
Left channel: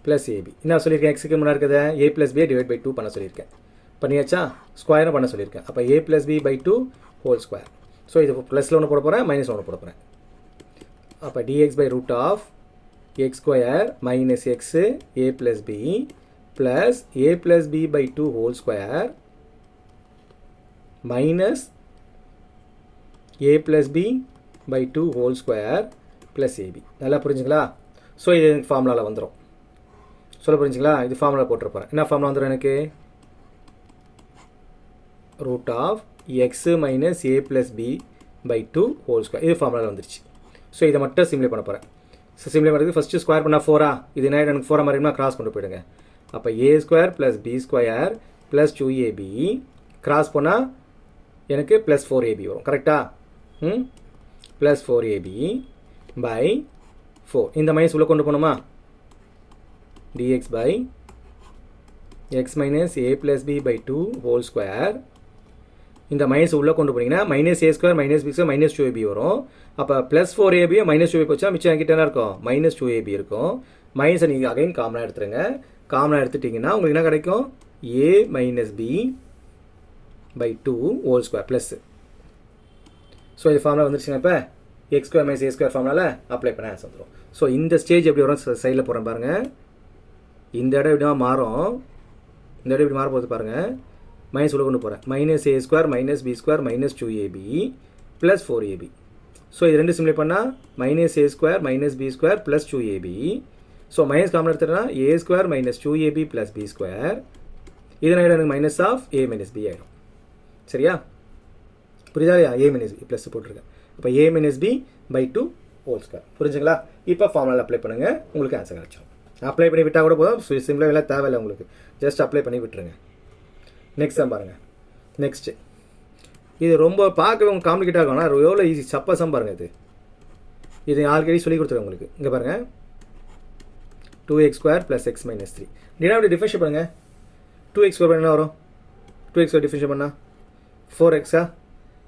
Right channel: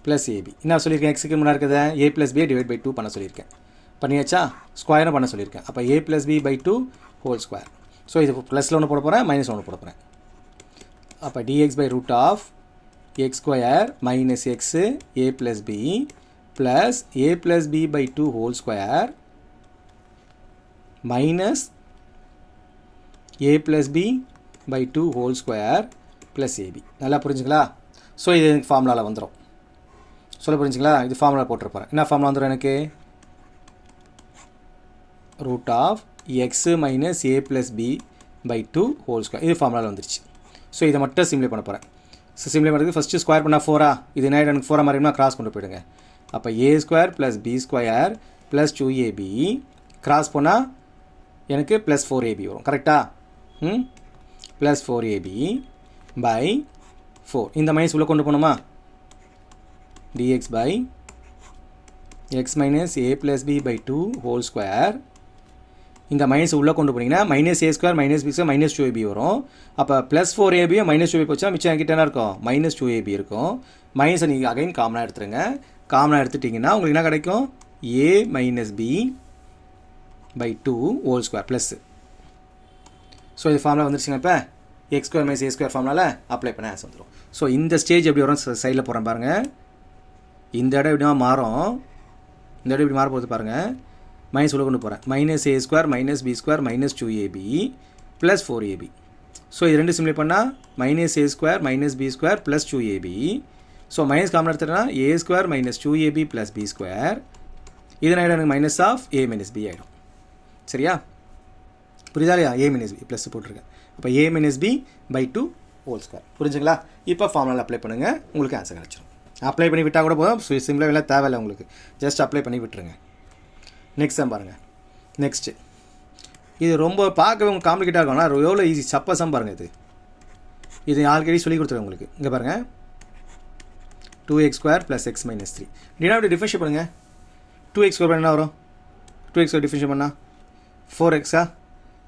plus a b. என்ன சொல்லியிருக்கேன்? எக்ஸுக்கு முன்னாடி இருக்கிறத ஏ ப்ளஸ் பியை டிவைட் பை 2 பண்ண சொல்லியிருக்கேன். பண்ணியாச்சா? ஸ்கொயரும் பண்ண சொல்லியிருக்கேன். அப்போ a plus b by 2 whole square. So இது ப்ளஸில் ஒன்று போட போகிறேன், மைனஸ் ஒன்று போட போகிறேன். அப்போ dx by root of x square minus x a plus b plus a plus b by 2 whole square minus a plus b by 2 whole square plus a b. நல்லா புரிஞ்சுங்களா? ஸோ இது எனக்கு ஃபார்முலாவில் வந்துடும். சொல்ல புரிஞ்சுங்களா? இது ஃபார்முலா போட்டுருப்பேன். என்ன ஃபார்முலா வந்துடும் எனக்கு? Root of x minus a plus b by 2 whole square. இது ஃபார்முலாவில் வந்துருச்சு. ஸோ இதை மட்டும் சிம்ப்ளை பண்ண போகிறேன். ஸோ சிம்ப்ளை பண்ணுறதுக்கு ஃபஸ்ட்டு ஸ்கொயர் பண்ணால் 4 இது என்ன எனக்கு 4 மாதிரினா கிராஸ் கொண்டு போயிடுங்க. அப்போ a square plus b square plus 2ab cross போனால் எனக்கு ப்ளஸ் 4ab வரும். கரெக்டாக? Plus 4ab by 4. இந்த மைனஸ் உள்ளே கொண்டு போகணுமா? dx by x minus a plus b by 2 whole square. இந்த மைனஸ் உள்ளே கொண்டு போனீங்கன்னா minus a square minus b square minus 2ab வரும். அப்போ ப்ளஸ் 4ab மைனஸ் 2ab போச்சுன்னா மிச்சம் என்கிட்ட என்ன இருக்கும்? மைனஸ் 2ab இருக்கும். மைனஸை நீங்கள் அகைன் காமனாக எடுத்துருங்க. காமனாக எடுத்துட்டிங்கன்னா உங்களுக்கு என்ன கிடைக்கும்? A minus b by 2 whole square plus. So இது ஃபார்முலா வந்துருச்சுங்க. இப்போ x square minus a square ஃபார்முலாவில் அப்ளை பண்ண ஆன்சர் வந்துடும். ஸோ இந்த ஸ்டேஜ் எப்படி வரும்? சைடில் போகிறேன் பாருங்கள். இந்த இடம் எப்படிமா மாறும்? இந்த இடம் இப்படி மாற போகிறது பாருங்கள். மைனஸ் உள்ள கொண்டு போகிறேன். Minus a square minus b square minus 2ab plus 4ab. So இது ரெண்டு சிம்ப்ளை பண்ணால் minus a square minus b square plus 2ab. So minus common எடுத்துட்டேன்னா a square minus 2ab plus b square. இதனால் எனக்கு minus of a minus b ஆகிடும். சரியா? புரியுதா இல்லையா? ஏ மைனஸ் பி ப்ளஸ் போட்டிருக்கேன். அப்போ a minus b by 2 whole square. புரிஞ்சுங்களா? இப்போ ஃபார்முலாவில் அப்ளை பண்ணுங்கள், உங்களுக்கு ஆன்சர் கிடச்சிடும். அப்ளை பண்ணி விட்டால் கூட போதும், சிம்ப்ளாக எல்லாம் தேவையில்லை உங்களுக்கு. ஜஸ்ட் அப்ளை பண்ணி விட்டுருங்க. நெக்ஸ்ட் தான் பாருங்கள். நெக்ஸ்ட்டு இது ரொம்ப பார்க்கவே உங்களுக்கு காம்ப்ளிகேட்டாக இருக்கும். ஆனால் எவ்வளோ ஈஸி, சப்பா சம் பாருங்கள். இது ஆல்ரெடி சொல்லி கொடுத்துருக்கேன் உங்களுக்கு. இங்கே பாருங்கள், 2x² + x - 3. டினாமினேட்டர் டிஃபரன்ஷியேட் பண்ணுங்கள். 2x² என்ன வரும்? 2x² டிஃபரன்ஷியேட் பண்ணால் 4x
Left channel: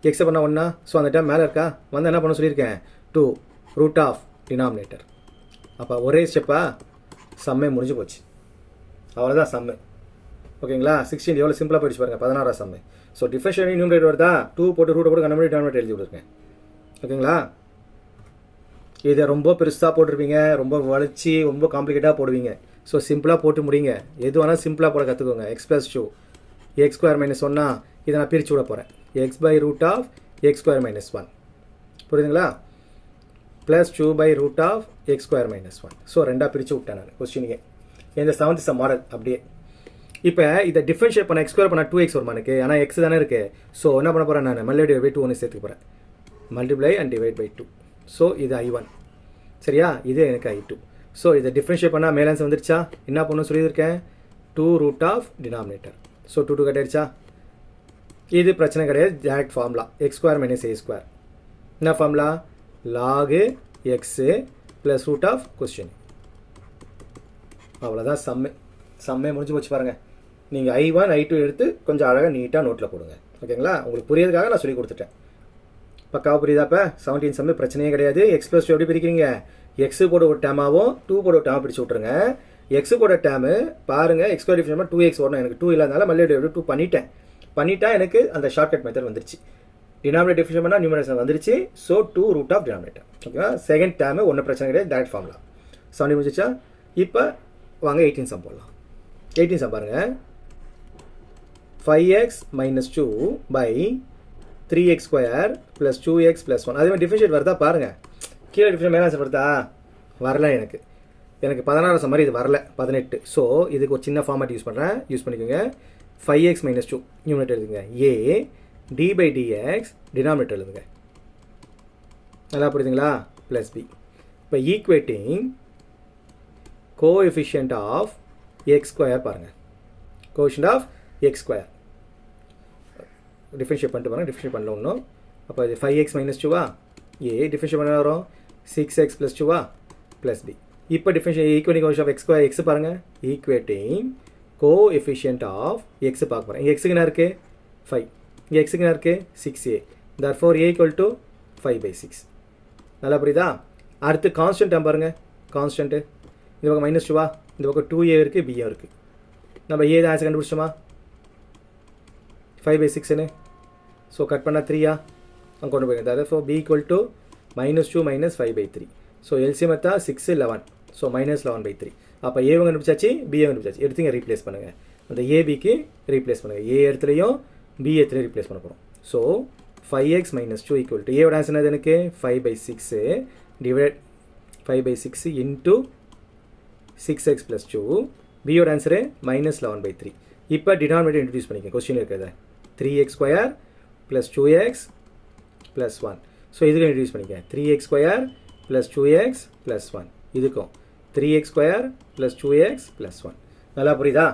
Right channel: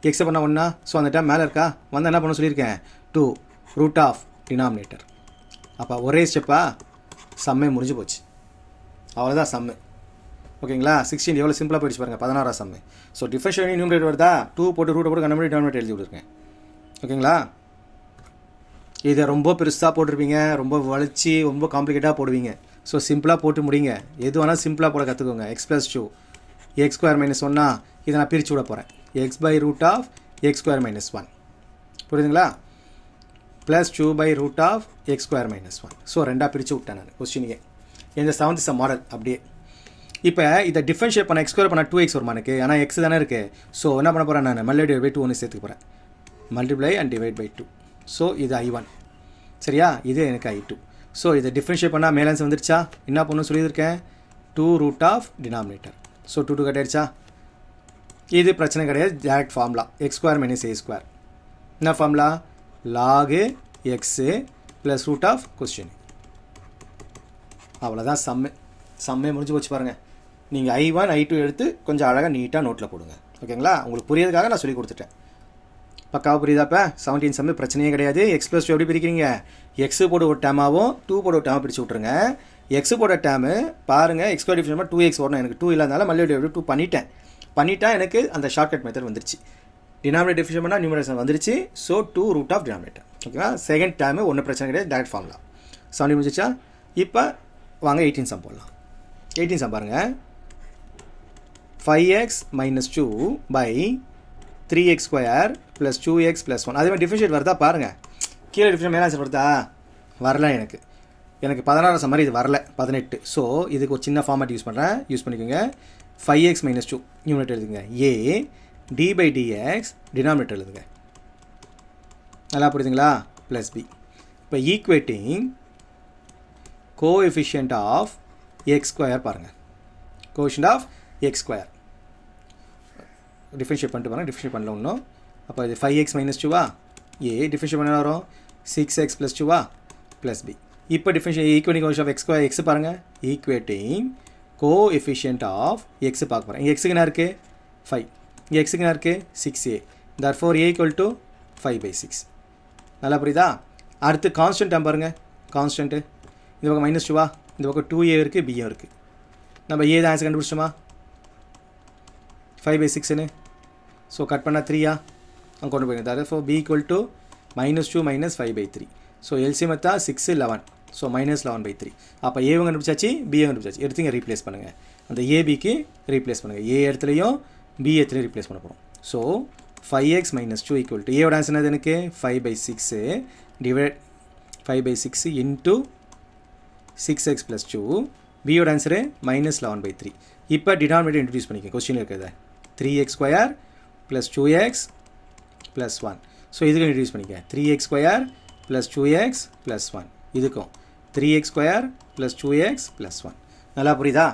எக்ஸை பண்ணால் 1. ஸோ அந்த டைம் மேலே இருக்கா வந்து என்ன பண்ண சொல்லியிருக்கேன், 2 √ டினாமினேட்டர். அப்போ ஒரே ஸ்டெப்பாக சம்மே முடிஞ்சு போச்சு. அவ்வளோதான் சம்மு. ஓகேங்களா? 16 எவ்வளோ சிம்பிளாக போயிடுச்சு பாருங்கள். 16 சம்மு. ஸோ டிஃபரன்ஷியேட் நியூமரேட்டர் வருதா, 2 போட்டு ரூட்டை போட்டு கண்டுபிடி டினாமினேட்டர் எழுதி விட்டுருக்கேன். ஓகேங்களா? இதை ரொம்ப பெருசாக போட்டிருப்பீங்க, ரொம்ப வளைச்சி ரொம்ப காம்ப்ளிகேட்டாக போடுவீங்க. ஸோ சிம்பிளாக போட்டு முடிங்க. எது வேணால் சிம்பிளாக போட கற்றுக்கோங்க. x + 2 x² - 1 இதை நான் பிரித்து விட போகிறேன். x/√(x² - 1) புரியுதுங்களா? +2/√(x² - 1). ஸோ ரெண்டாக பிரித்து விட்டேன் நான் கொஸ்டினுக்கே. இந்த 7th சம் மாடல் அப்படியே. இப்போ இதை டிஃபரன்ஷியேட் பண்ண x² பண்ண 2x வருமா எனக்கு? ஆனால் x தானே இருக்குது. ஸோ என்ன பண்ண போகிறேன், நான் /2 ஒன்று சேர்த்துக்க போகிறேன். Multiply and divide by 2. So இது I1. சரியா? இது எனக்கு I2. ஸோ இதை டிஃபரன்ஷியேட் பண்ணால் மேலான்ஸ் வந்துருச்சா? என்ன பண்ணணும் சொல்லியிருக்கேன், 2 √ டினாமினேட்டர். ஸோ 2 கட்டிடுச்சா? இது பிரச்சனை கிடையாது, டேரக்ட் ஃபார்முலா x² - a². என்ன ஃபார்முலா? log x + √(question). அவ்வளோதான் சம்மே முடிஞ்சு போச்சு பாருங்கள். நீங்கள் I1 I2 எடுத்து கொஞ்சம் அழகாக நீட்டாக நோட்டில் போடுங்க. ஓகேங்களா? உங்களுக்கு புரியறதுக்காக நான் சொல்லி கொடுத்துட்டேன். பக்காவாக புரியுதாப்பா? 17 சம்மு பிரச்சனையே கிடையாது. x + 2 எப்படி பிரிக்கிறீங்க, x போட ஒரு டேமாகவும் 2 போட ஒரு டேமாக பிரித்து விட்ருங்க. x போட டேமு பாருங்கள், x² டிஃபரன்ஷியேட் 2x வரணும். எனக்கு 2 இல்லாதனால /2 2 பண்ணிட்டா எனக்கு அந்த ஷார்ட்கட் மெத்தட் வந்துருச்சு. டினாமினேட்டர் டிஃபரன்ஷியேட் பண்ணால் நியூமரேட்டர் வந்துருச்சு. So 2 √ denominator. ஓகேவா? செகண்ட் டேமு ஒன்றும் பிரச்சனை கிடையாது, டேரக்ட் ஃபார்முலா. 17 முடிஞ்சிச்சா? இப்போ வாங்க 18 சம் போடலாம். 18 சம் பாருங்கள். 5x - 2 / 3x² + 2x + 1. அதே மாதிரி டிஃபரன்ஷியேட் வருதா பாருங்கள். கீழே டிஃபரன்ஷியேட் மேலே ஆன்சர் வருதா? வரல. எனக்கு 16 சம் மாதிரி இது வரல, 18. ஸோ இதுக்கு ஒரு சின்ன ஃபார்மேட் யூஸ் பண்ணிக்கோங்க. 5x - 2 நியூமரேட்டர் எழுதுங்க. a d/dx டினாமினேட்டர் எழுதுங்க. நல்லா புரியுதுங்களா? +b. இப்போ ஈக்குவேட்டிங் கோஎஃபிஷியன்ட் ஆஃப் x² பாருங்கள். Coefficient of x². டிஃபரன்ஷியேட் பண்ணிட்டு பாருங்கள். டிஃபரன்ஷியேட் பண்ணல ஒன்றும். அப்போ இது 5x - 2 a டிஃபரன்ஷியேட் பண்ண வரும் 6x + 2 +b. இப்போ differentiate equating coefficient of x² x பாருங்கள். ஈக்குவேட்டிங் கோஎஃபிஷியன்ட் ஆஃப் x பார்க்க போகிறேன். இங்கே எக்ஸுக்கு என்ன இருக்குது, 5. இங்கே எக்ஸுக்கு என்ன இருக்குது, 6a. therefore a = 5/6. நல்லா புரியுதா? அடுத்து கான்ஸ்டன்ட் டேம் பாருங்கள். கான்ஸ்டன்ட்டு இந்த பக்கம் -2 இந்த பக்கம் 2a இருக்குது, b இருக்குது. நம்ம a தான் ஆன்சர் கண்டுபிடிச்சோமா, 5/6ன்னு. ஸோ கட் பண்ணால் 3 அங்கே கொண்டு போயிருங்க. therefore b = -2 - 5/3. ஸோ எல்சிஎம் எடுத்தா 6 11. ஸோ -11/3. அப்போ ஏவும் கண்டுபிடிச்சாச்சு, பிஏ கண்டுபிடிச்சாச்சு. எடுத்துங்க ரீப்ளேஸ் பண்ணுங்கள். அந்த ஏபிக்கு ரீப்ளேஸ் பண்ணுங்கள். ஏ இடத்துலையும் பி இடத்துலையும் ரீப்ளேஸ் பண்ண போகிறோம். ஸோ 5x - 2 = ஏவோட ஆன்சர் என்னது எனக்கு 5/6 டிவைட் 5/6 இன்ட்டு 6x + 2. பியோட ஆன்சரு -11/3. இப்போ டினாமினேட்டர் இன்ட்ரடியூஸ் பண்ணிக்க. கொஸ்டின் இருக்கிறத 3x² + 2x + 1. ஸோ இதுக்கு இன்ட்ரடியூஸ் பண்ணிக்க. 3x² + 2x + 1. இதுக்கும் 3x² + 2x + 1. நல்லா புரியுதா?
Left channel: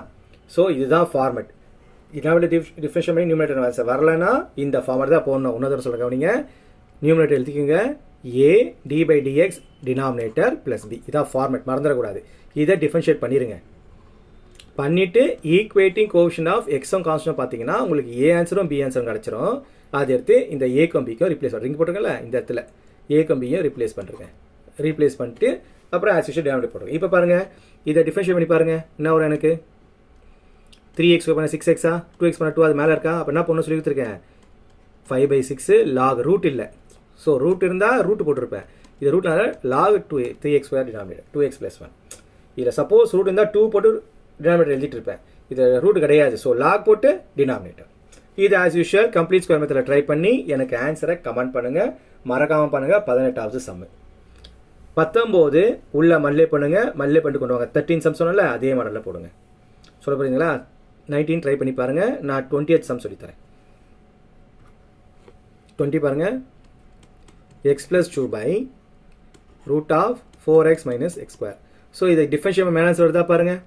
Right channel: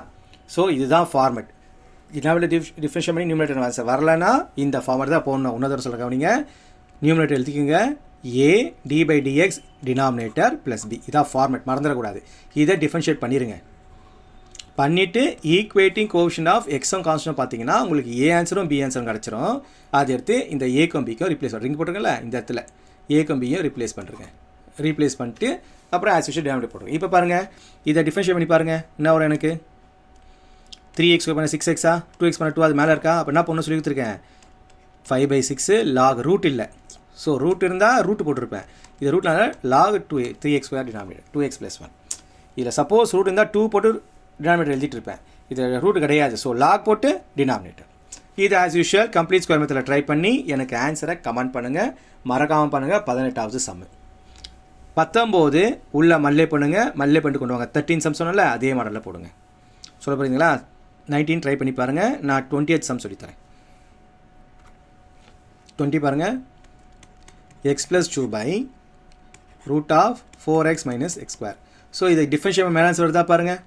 ஸோ இதுதான் ஃபார்மெட். டினாமினேட்டர் டிஃபரன்ஷியேட் பண்ணி நியூமரேட்டர் ஆன்சர் வரலன்னா இந்த ஃபார்மெட் தான் போடணும். இன்னொரு சொல்ல கவனிங்க. நியூமரேட்டர் எழுதிக்கோங்க, a d/dx டினாமினேட்டர் +b. இதான் ஃபார்மெட், மறந்துடக்கூடாது. இதை டிஃபரன்ஷியேட் பண்ணிடுங்க. பண்ணிவிட்டு ஈக்குவேட்டிங் கோஎஃபிஷியன்ட் ஆஃப் எக்ஸும் கான்ஸ்டன்ட் பார்த்தீங்கன்னா உங்களுக்கு ஏ ஆன்சரும் பி ஆன்சரும் கிடச்சிரும். அதை எடுத்து இந்த ஏக்கும் பிக்கும் ரிப்ளேஸ் பண்ணுறீங்க. போட்டுருங்கல்ல இந்த இடத்துல ஏக்கும் பியும் ரிப்ளேஸ் பண்ணுறேங்க. ரீப்ளேஸ் பண்ணிட்டு அப்புறம் ஆஸ் யூஷுவல் டினாமினேட்டர் போட்டுருங்க. இப்போ பாருங்கள், இதை டிஃபரன்ஷியேட் பண்ணி பாருங்கள். என்ன வரும் எனக்கு 3x பண்ண 6x 2x பண்ண 2 அது மேலே இருக்கா? அப்போ என்ன பண்ணணும் சொல்லி கொடுத்துருக்கேன், 5/6 log ரூட் இல்லை. ஸோ ரூட் இருந்தால் ரூட் போட்டிருப்பேன். இது ரூட்னால log 3x² டினாமினேட்டர் 2x + 1. இதில் சப்போஸ் ரூட் இருந்தால் 2 போட்டு டினாமினேட்டர் எழுதிட்டு இருப்பேன். இது ரூட் கிடையாது. ஸோ log போட்டு டினாமினேட்டர். இது ஆஸ் யூஷுவல் கம்ப்ளீட் ஸ்கொயர் மெத்தடில் ட்ரை பண்ணி எனக்கு ஆன்சரை கமெண்ட் பண்ணுங்கள். மறக்காமல் பண்ணுங்கள். 18வது சம்மு. 19 உள்ள மல்லே பண்ணுங்கள். மல்லே பண்ணிட்டு கொண்டு வாங்க. 13 சம் சொன்னால அதே மாடலில் போடுங்க. சொல்ல போகிறீங்களா? 19 ட்ரை பண்ணி பாருங்கள். நான் 20th சம் சொல்லித்தரேன். 20 பாருங்கள். x + 2 / √4x - x². ஸோ இதை டிஃபரன்ஷியேட் மேலே வருதா பாருங்கள்.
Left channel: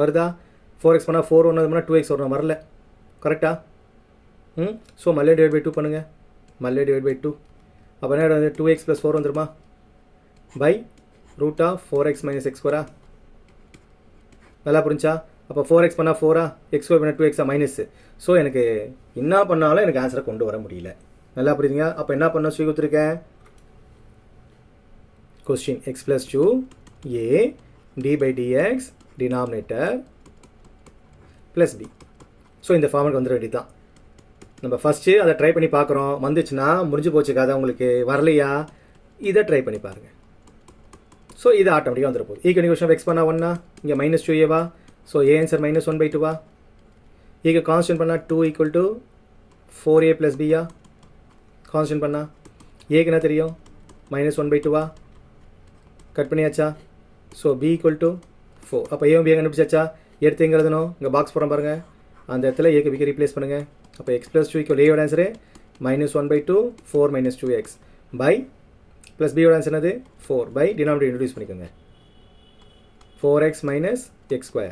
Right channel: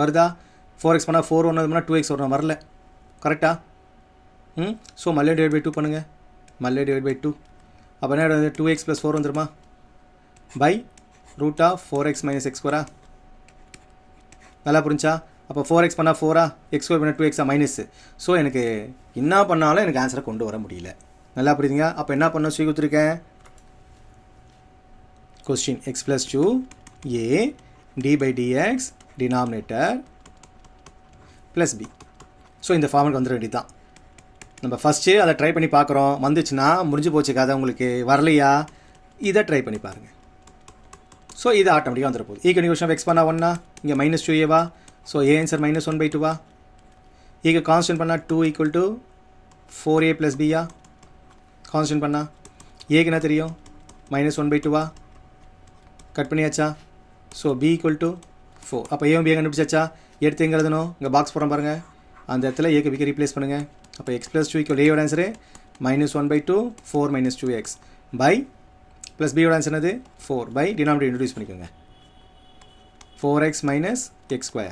வருதா? 4x பண்ணால் 4 ஒன்று 2x வரணும். வரல. கரெக்டாக? ஸோ மல்லே டிவைட் பை 2 பண்ணுங்கள். மல்லே டிவைட் பை 2 அப்போ என்ன வந்து 2x + 4 வந்துருமா பை √4x - x². நல்லா புரிஞ்சா? அப்போ 4x பண்ணால் 4 x² பண்ணால் 2x மைனஸ். ஸோ எனக்கு என்ன பண்ணாலும் எனக்கு ஆன்சரை கொண்டு வர முடியல. நல்லா புரியுதுங்க? அப்போ என்ன பண்ண சொல்லி கொடுத்துருக்கேன்? Question x + 2a d/dx denominator plus b. So இந்த ஃபார்முக்கு வந்துட வேண்டியது தான். நம்ம ஃபஸ்ட்டு அதை ட்ரை பண்ணி பார்க்குறோம். வந்துச்சுன்னா முடிஞ்சு போச்சு கதை. உங்களுக்கு வரலையா இதை ட்ரை பண்ணி பாருங்கள். ஸோ இது ஆட்டோமேட்டிக்காக வந்துட போகுது. ஈக்குவேஷன் எக்ஸ் பண்ணால் 1 இங்கே -2a. ஸோ a ஆன்சர் -1/2 ஈக்கு கான்ஸ்டன்ட் பண்ணால் 2 = 4a + b. கான்ஸ்டன்ட் பண்ணால் ஏக்கு என்ன தெரியும் -1/2 கட் பண்ணியாச்சா? So b = 4. அப்போ ஏவும் b கண்டுபிடிச்சாச்சா? எடுத்து எங்கே எழுதணும்? இங்கே பாக்ஸ் போகிறோம் பாருங்கள். அந்த இடத்துல ஏக்கு பிக்கு ரீப்ளேஸ் பண்ணுங்கள். அப்போ x + 2 = a answer -1/2 4 - 2x by plus b answer என்னது 4 பை டினாமினேட்டர் இன்ட்ரடியூஸ் பண்ணிக்கோங்க. 4x - x²,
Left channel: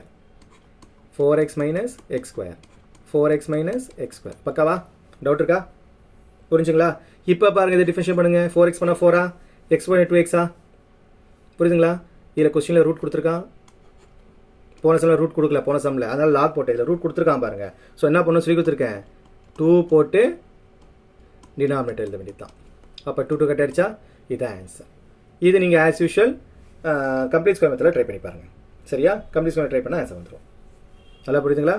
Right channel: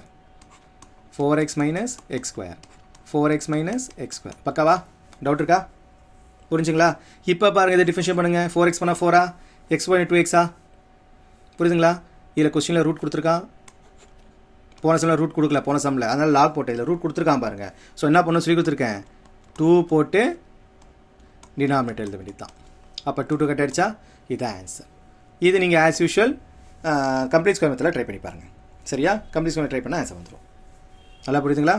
4x - x², 4x - x². பக்காவா? டவுட் இருக்கா? புரிஞ்சுங்களா? இப்போ பாருங்கள், இதை டிஃபரன்ஷியேட் பண்ணுங்கள். 4x பண்ணால் 4 x பண்ணால் 2x. புரியுதுங்களா? இதில் கொஸ்டினில் ரூட் கொடுத்துருக்கான். போன சம்மில் ரூட் கொடுக்கல, போன சம்மில், அதனால் லாக் போட்டேன். இதில் ரூட் கொடுத்துருக்கான் பாருங்கள். ஸோ என்ன பண்ணணும் சொல்லி கொடுத்துருக்கேன். 2 போட்டு டினாமினேட்டர் எழுத வேண்டியது தான். அப்போ 2 கட் ஆகிடுச்சா? இதுதான் ஆன்சர். இது நீங்கள் ஆஸ் யூஷுவல் கம்ப்ளீட் ஸ்கொயர் மெத்தடில் ட்ரை பண்ணி பாருங்கள். சரியா? கம்ப்ளீட் ஸ்கொயர் ட்ரை பண்ணால் ஆன்சர் வந்துடும். நல்லா புரியுதுங்களா?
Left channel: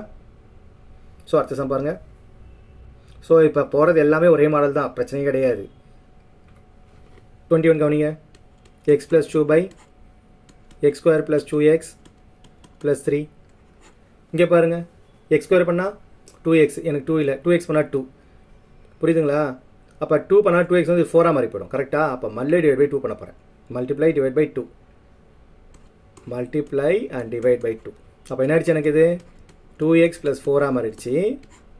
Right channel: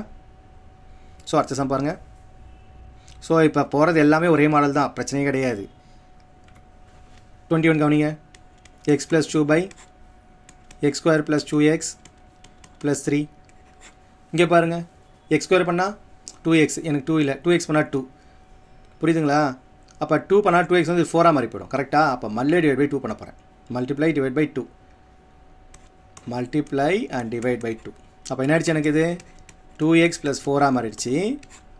ஸோ அடுத்த சம் பாருங்கள். ஸோ இப்போ போகிறது எல்லாமே ஒரே மாடல் தான், பிரச்சனையே கிடையாது. 21 கவனிங்க. x + 2 x² + 2x + 3. இங்கே பாருங்கள், x² பண்ணால் 2x, எனக்கு 2 இல்லை, 2x பண்ணால் 2. புரியுதுங்களா? அப்போ 2 பண்ணால் 2x வந்து 4 மாதிரி போயிடும். கரெக்டாக? அப்போ மல்லே டிவைட் பை 2 பண்ண போகிறேன். Multiply divide by 2, multiply and divide by 2. அப்போ என்ன ஆயிடுச்சு? எனக்கு இது 2x + 4 மாறிடுச்சு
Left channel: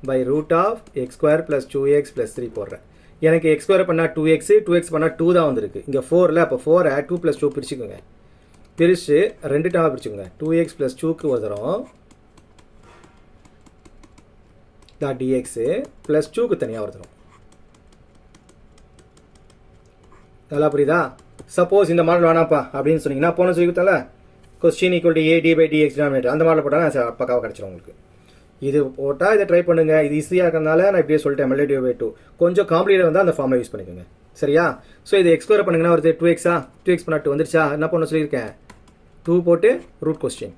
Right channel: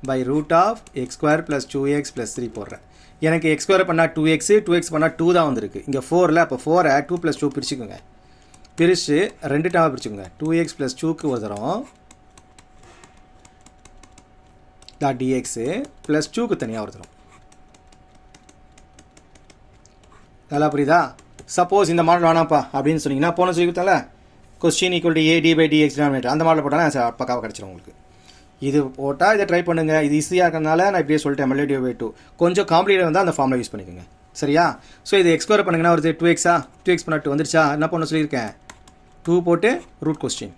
பை √x² + 2x + 3 போடுறேன். எனக்கு x² பண்ணால் 2x, 2x பண்ணால் 2 தான் வந்திருக்கு. இங்கே 4 அப்போ 4 2 + 2 பிரிச்சுக்கோங்க. பிரித்து 2 டைமாக பிரிச்சுக்கோங்க. 2x + 2க்கு ஒரு தரம் dx + 2க்கு தனியாக ஒரு தரம். நல்லா புரியுதா? சப்போஸ் இந்த மாடல் வேணாப்பா அப்படின்னு சொன்னீங்கன்னா, போன சொல்லி கொடுத்தால கொஸ்டின் = a d/dx டினாமினேட்டர், அந்த மாடல் போட்டாலும் ஆன்சர் பக்காவாக கிடச்சிடும் உங்களுக்கு. இது போட்டால் இதை ட்ரை பண்ணுங்கள். இது ஈஸியாக இருக்கிறதுனால நான் இப்படியே சொல்லிட்டேன். மல்லே டிவைட் பை 2 கொஞ்சம் காம்ப்ளிகேட் வந்தால் அந்த ஃபார்மில் யூஸ் பண்ணிக்கோங்க. சரியா? ஸோ இது x² பண்ணுங்கன்னா ஒரு 2x 2x பண்ணால் 2 வந்துருச்சா? என்ன பண்ண சொல்லியிருக்கேன்? 2 போட்டு ரூட் கொஸ்டின்.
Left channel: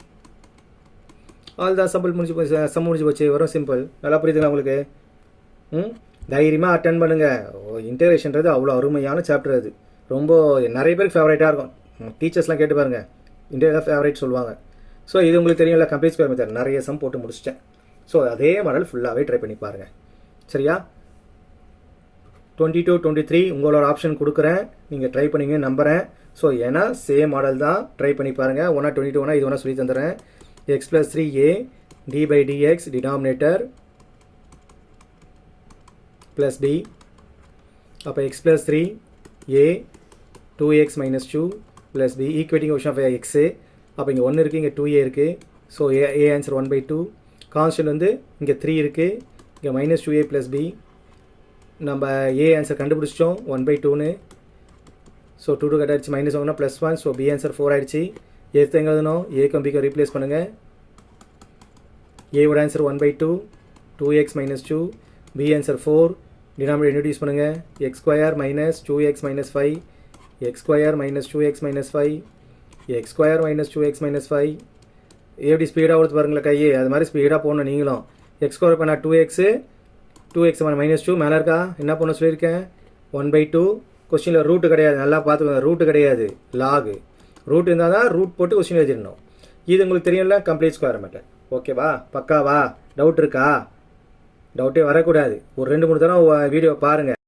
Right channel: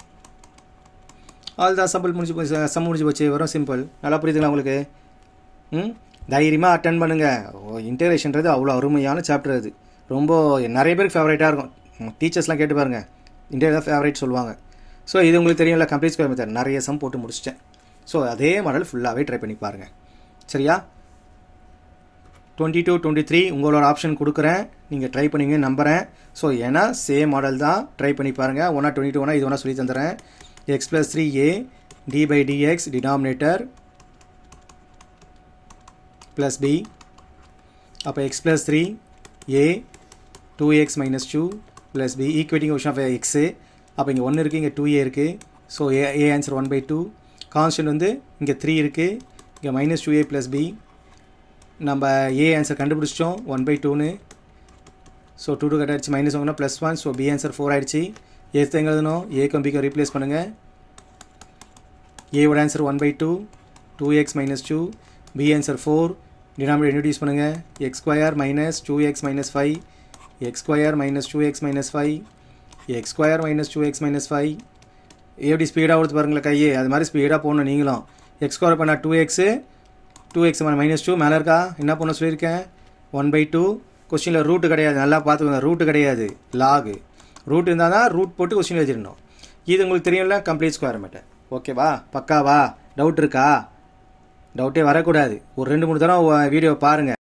அதுதான் சிம்பிள் முடிஞ்சு போச்சு. சம் முடிஞ்சு போச்சு. வரும் சிம்பிள். நல்லா புரியுதுங்களா உங்களுக்கு? தைரியமாக அட்டன் பண்ணுங்கள். இன்டகிரேஷன்றது அவ்வளோ அருமையான சாப்டர். அது ரொம்ப நிறைய பேருக்கு ஃபேவரேட்டாக இருக்கும். டீச்சர்ஸ்லாம் கேட்டு பாருங்கள், இன்டகிரேட் தான் ஃபேவரேட் சொல்லுவாங்க. ஸோ இது உங்களுக்கு தெரியும்ல, கம்ப்ளீட் ஸ்கொயர் மெத்தட் நிறைய சம் போட்டு முடிச்சிட்டேன். ஸோ அதே மாடல் ஃபுல்லாகவே ட்ரை பண்ணி பாருங்கள். சரியா? 22, 23 உங்களோட ஆப்ஷன் கொடுக்குறேன். நீங்கள் ட்ரை பண்ணிங்க நம்புகிறேன். ஸோ ஏன்னா சேம் மாடல் தான், ட்ரை பண்ணி பாருங்கள். 1 22 இது ஒன்றா சொல்லி தந்துடுறேன். x + 3a d/dx denominator plus b. அப்போ x + 3a 2x - 2 + b equating question of x. அப்போ இங்கே 1 இருக்குது, இங்கே 2a இருக்குது. So a answer 1/2. கான்ஸ்டன்ட் வந்து இங்கே 3 இருக்குது, இங்கே -2a + b. நம்ம a ஆன்சர் கண்டுபிடிச்சிட்டோம் 1/2ன்னு. ஸோ 2 கட் ஆகிடுச்சு. -1 + 1. ஸோ b ஆன்சர் 4 ஆகிடுச்சு. எடுத்து எங்கே எழுதணும்? ஏக்கும் பிக்கும் ரீப்ளேஸ் பண்ணுங்கள். ஏவோட answer 1/2 2x - 2, b answer 4. Denominator introduce பண்ணுங்கள். x² - 2x - 5, x² - 2x - 5, x² - 2x - 5. எப்படி ஸ்பீடாக கொடுத்து பாருங்களேன் கையே, அது மாதிரி ஸ்பீடாக போகணும் நீங்களும். x² பண்ணால் 2x, 2x -2 மேலே இருக்கா? என்ன பண்ண சொல்லியிருக்கேன்? 1/2. கொஸ்டினில் ரூட்டு கிடையாது, நல்லா பார்த்துக்கோங்க. ரூட்டு கிடையாது, லாகு. ரூட் இருந்தால் தான் ரூட் போட்டு கொஸ்டின் எழுதிடணும். இது உங்களுக்கு தெரியும்ல, கம்ப்ளீட் ஸ்கொயர் மெத்தட். ஓகேவா? பக்காவா? டவுட் இருக்கா? டவுட்டே வரக்கூடாது. ஒரு 2 3 தடவை வீடியோ பாருங்கள்.